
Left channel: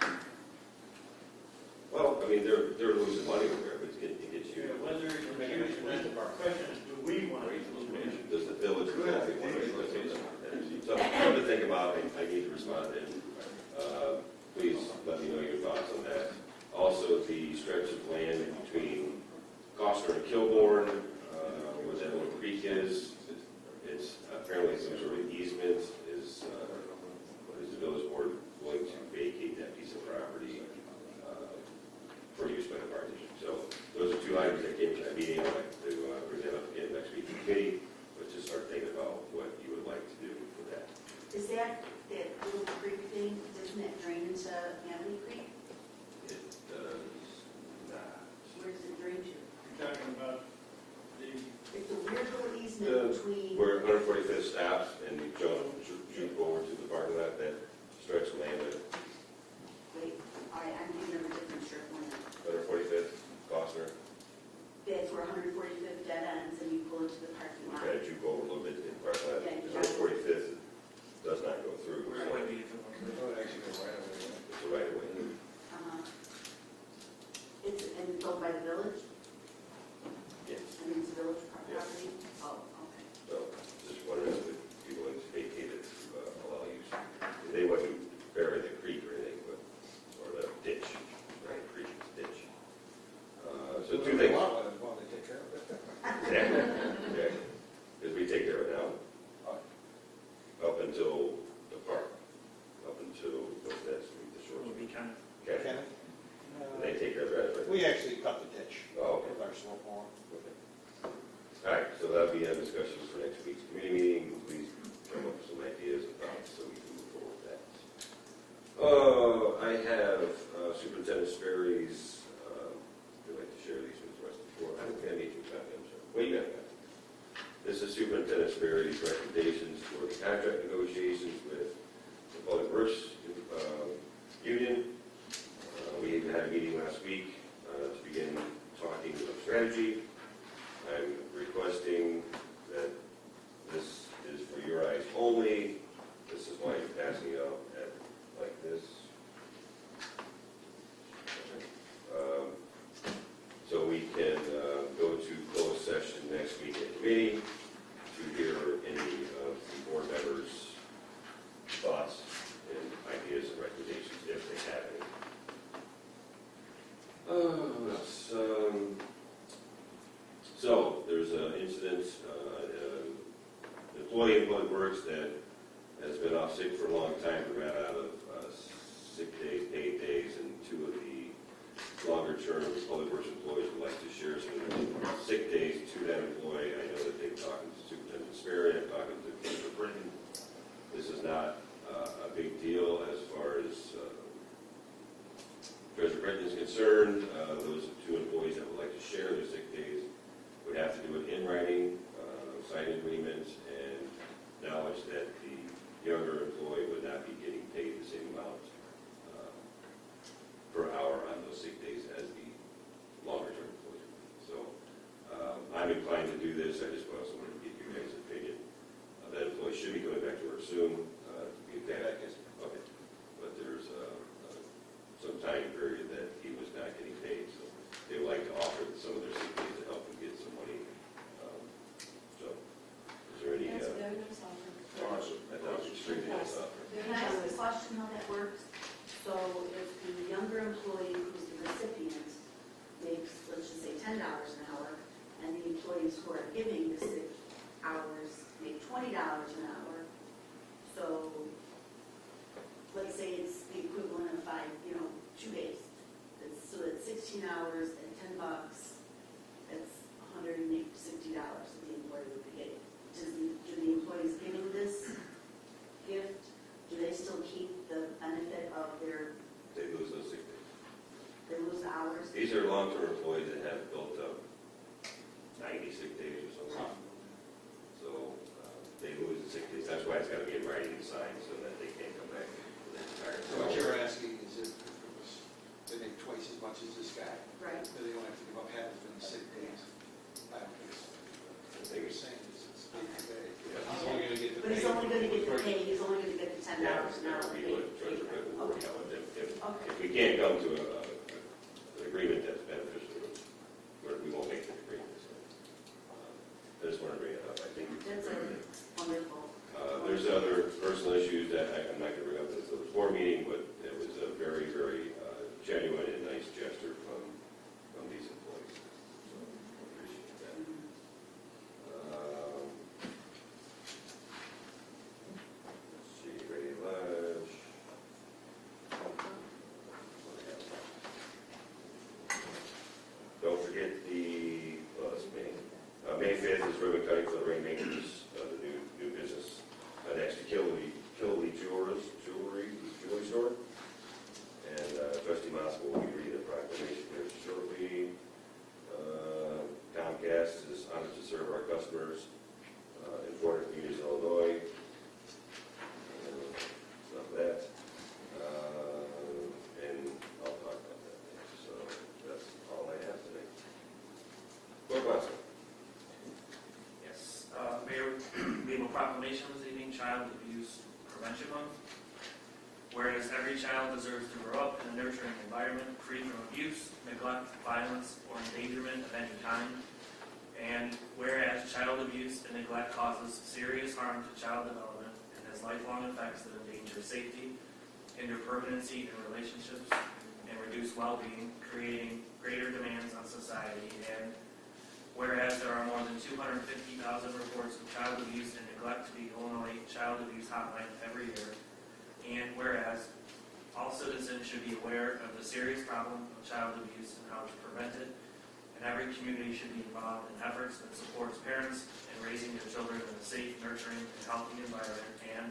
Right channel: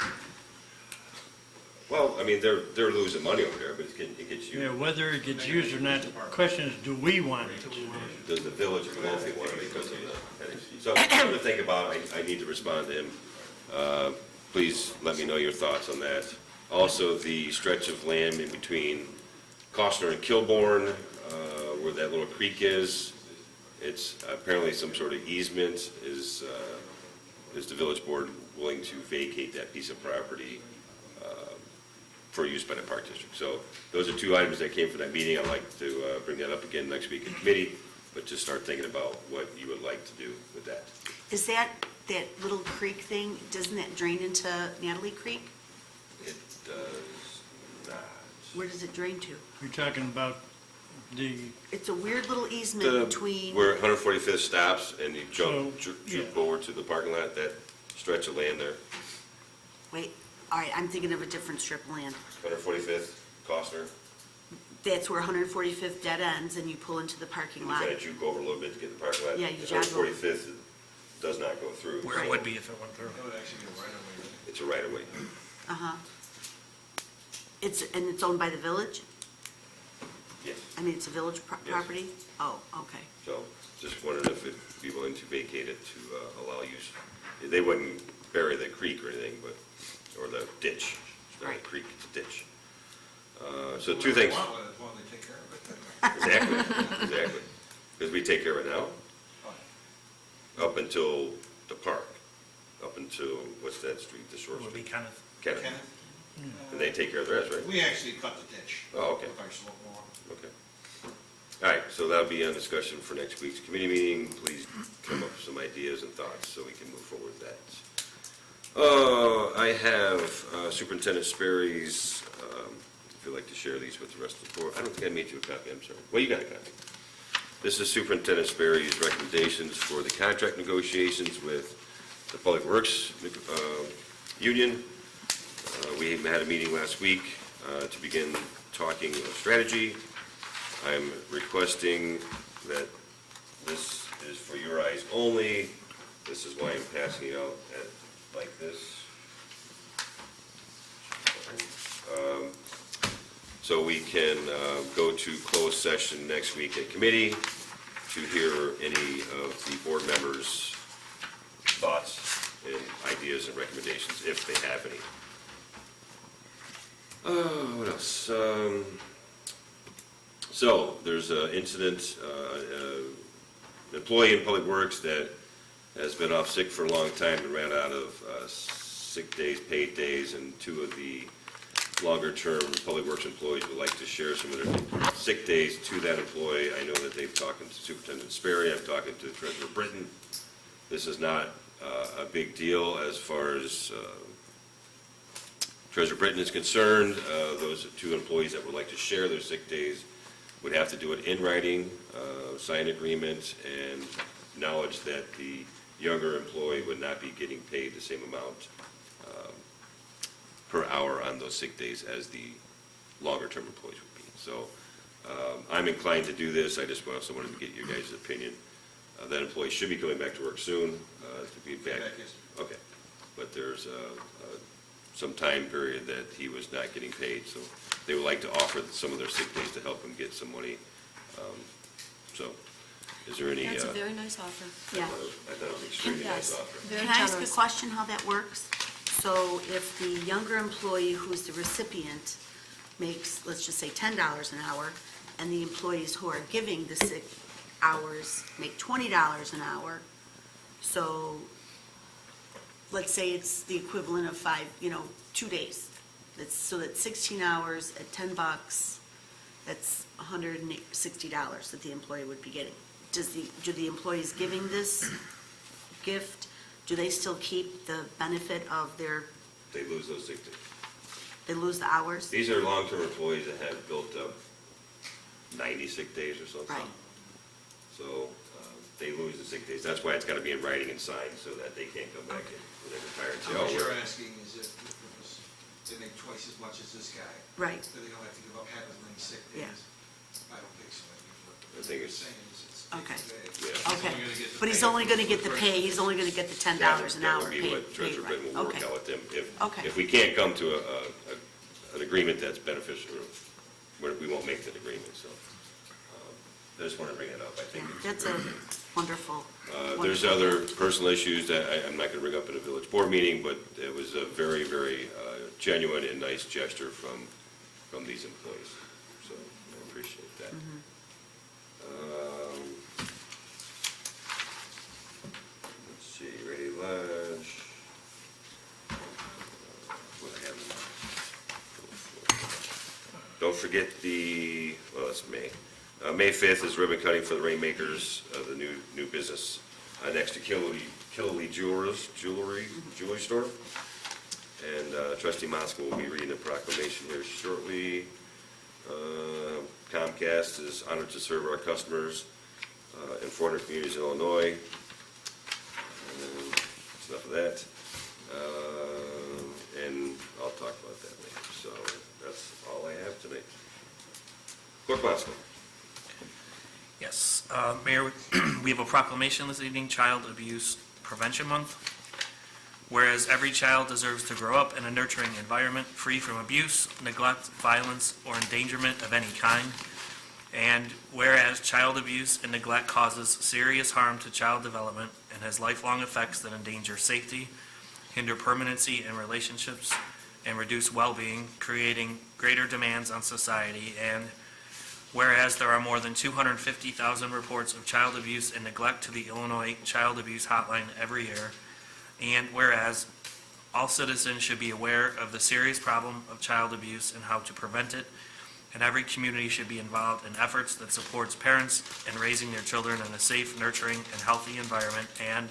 Well, I mean, they're losing money over there, but it gets Yeah, used. whether it gets used or not, the question is, do we want it? Does the village of Midlothian want it because of the, so something to think about. I need to respond to him. Please let me know your thoughts on that. Also, the stretch of land in between Costner and Kilbourne, where that little creek is, it's apparently some sort of easement. Is the village board willing to vacate that piece of property for use by the Park District? So those are two items that came from that meeting. I'd like to bring that up again next week in committee, but just start thinking about what you would like to do with that. Is that little creek thing, doesn't that drain into Natalie Creek? It does not. Where does it drain to? You're talking about the, It's a weird little easement between, Where 145th stops and you jump yeah. over to the parking lot, that stretch of land there, wait, all right, I'm thinking of a different strip of land. 145th, Costner. That's where 145th dead ends and you pull into the parking You lot. kind of juke over a little bit to get the parking lot. Yeah, you jog over. 145th does not go through. Where it would be if it went through. It would actually go right away. It's a right of way. Uh-huh. And it's owned by the village? Yes. I mean, it's a village Yes. property? Oh, okay. So just wondered if it'd be willing to vacate it to allow use. They wouldn't bury the creek or anything, but, or the ditch. It's not a Right. creek, it's a ditch. So two things. Well, as long as they take care of it. Exactly. Because we take care of it now, up until the park, up until, what's that street, the short It would be street? kind of, Kenneth. Kenneth? And they take care of the rest, right? We actually cut the ditch. Oh, okay. With our slope mower. Okay. All right, so that'll be a discussion for next week's committee meeting. Please come up with some ideas and thoughts so we can move forward with that. I have Superintendent Sperry's, if you'd like to share these with the rest of the board. I don't think I made you a copy, I'm sorry. Well, you got a copy. This is Superintendent Sperry's recommendations for the contract negotiations with the Public Works Union. We had a meeting last week to begin talking strategy. I'm requesting that this is for your eyes only. This is why I'm passing it out like this. So we can go to closed session next week at committee to hear any of the board members' thoughts and ideas and recommendations, if they have any. What else? So there's an incident, an employee in Public Works that has been off sick for a long time and ran out of sick days, paid days, and two of the longer-term Public Works employees would like to share some of their sick days to that employee. I know that they've talked to Superintendent Sperry, I've talked to Treasurer Britton. This is not a big deal as far as Treasurer Britton is concerned. Those two employees that would like to share their sick days would have to do it in writing, sign agreement, and knowledge that the younger employee would not be getting paid the same amount per hour on those sick days as the longer-term employees would be. So I'm inclined to do this. I just also wanted to get your guys' opinion. That employee should be coming back to work soon. To be back. Okay. But there's some time period that he was not getting paid, so they would like to offer some of their sick days to help him get some money. So Is there any, That's a very nice offer. Yeah. I thought it was extremely nice Yes. offer. Very Can I ask a generous. question how that works? So if the younger employee who's the recipient makes, let's just say $10 an hour, and the employees who are giving the sick hours make $20 an hour, so let's say it's the equivalent of 2 days. So that's 16 hours at $10, that's $160 that the employee would be getting. Do the employees giving this gift, do they still keep the benefit of their, They lose those sick days. they lose the hours? These are long-term employees that have built up 90 sick days or something. Right. So they lose the sick days. That's why it's got to be in writing and signed so that they can't come back and retire and say, What oh, you're we're- asking is if it was, they make twice as much as this guy, Right, then they don't have to give up half as many sick days. Yeah. I don't think so. I think it's, Saying is it's Okay. yeah. okay. But he's only going to get the pay, he's only going to get the $10 an hour That would be paid. what Treasurer right. Britton will work Okay. out with them. Okay. If we can't come to an agreement that's beneficial, we won't make that agreement, so. I just want to bring it up, I Yeah, think. that's a wonderful. There's wonderful- other personal issues that I'm not going to bring up in a village board meeting, but it was a very, very genuine and nice gesture from these employees. So I appreciate that. Let's see, Ready Ledge. What do I have now? Don't forget that's May. May 5th is ribbon cutting for the Rainmakers, the new business next to Killily Jewelry Store. And Trustee Moskowitz will be reading the proclamation here shortly. Comcast is honored to serve our customers in 400 communities in Illinois. And then enough of that. And I'll talk about that later. So that's all I have tonight. Clerk Moskowitz. Yes, Mayor, we have a proclamation this evening, Child Abuse Prevention Month. Whereas every child deserves to grow up in a nurturing environment free from abuse, neglect, violence, or endangerment of any kind. And whereas child abuse and neglect causes serious harm to child development and has lifelong effects that endanger safety, hinder permanency in relationships, and reduce well-being, creating greater demands on society. And whereas there are more than 250,000 reports of child abuse and neglect to the Illinois Child Abuse Hotline every year. And whereas all citizens should be aware of the serious problem of child abuse and how to prevent it, and every community should be involved in efforts that supports parents in raising their children in a safe, nurturing, and healthy environment. And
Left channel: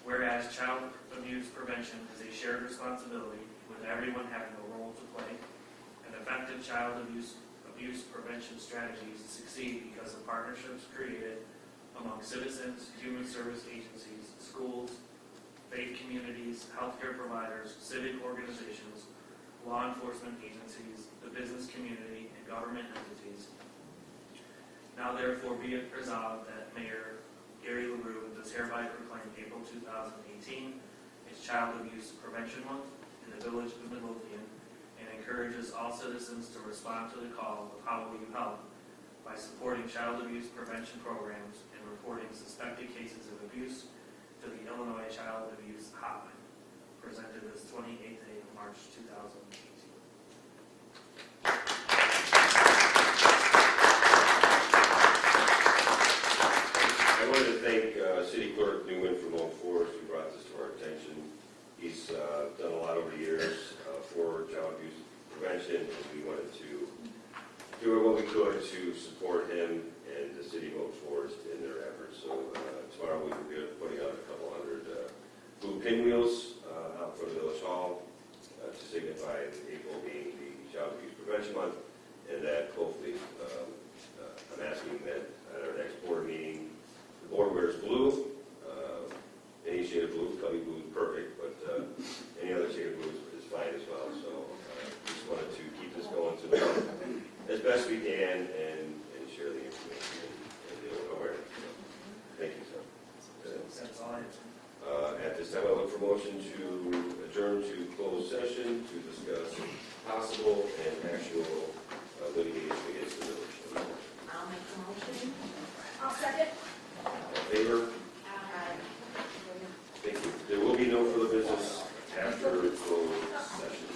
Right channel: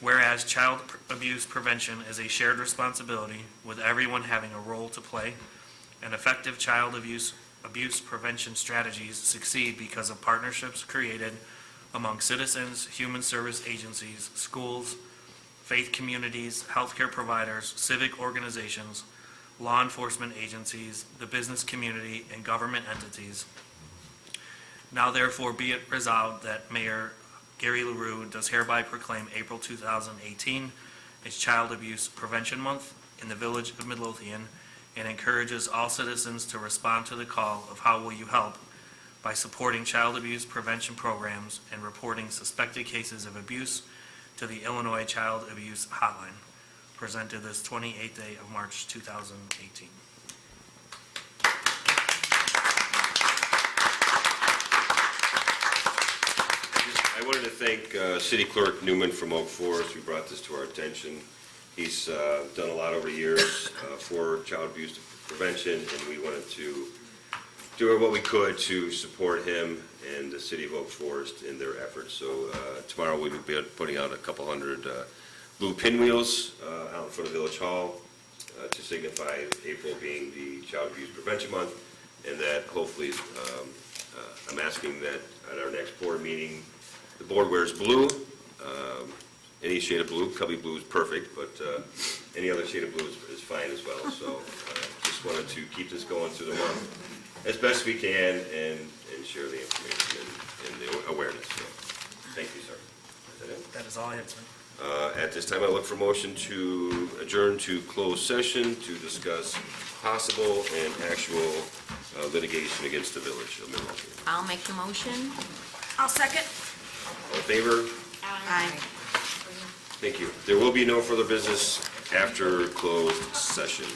whereas child abuse prevention is a shared responsibility with everyone having a role to play, and effective child abuse prevention strategies succeed because of partnerships created among citizens, human service agencies, schools, faith communities, healthcare providers, civic organizations, law enforcement agencies, the business community, and government entities. Now therefore be it resolved that Mayor Gary LaRue does hereby proclaim April 2018 as Child Abuse Prevention Month in the Village of Midlothian, and encourages all citizens to respond to the call of how will you help by supporting child abuse prevention programs and reporting suspected cases of abuse to the Illinois Child Abuse Hotline, presented this 28th day of March 2018. I wanted to thank City Clerk Newman from Oak Forest who brought this to our attention. He's done a lot over the years for child abuse prevention, and we wanted to do what we could to support him and the City of Oak Forest in their efforts. So tomorrow we will be putting out a couple hundred blue pinwheels out in front of Village Hall to signify April being the Child Abuse Prevention Month, and that hopefully, I'm asking that at our next board meeting, the board wears blue. Any shade of blue, Cubby blue is perfect, but any other shade of blue is fine as well. So just wanted to keep this going through the month as best we can and share the information and the awareness. So, thank you, sir. Is that it? That is all I had tonight. At this time, I look for motion to adjourn to closed session to discuss possible and actual litigation against the village of Midlothian. I'll make the motion. I'll second. All in favor? Aye. Thank you. There will be no further business after closed session.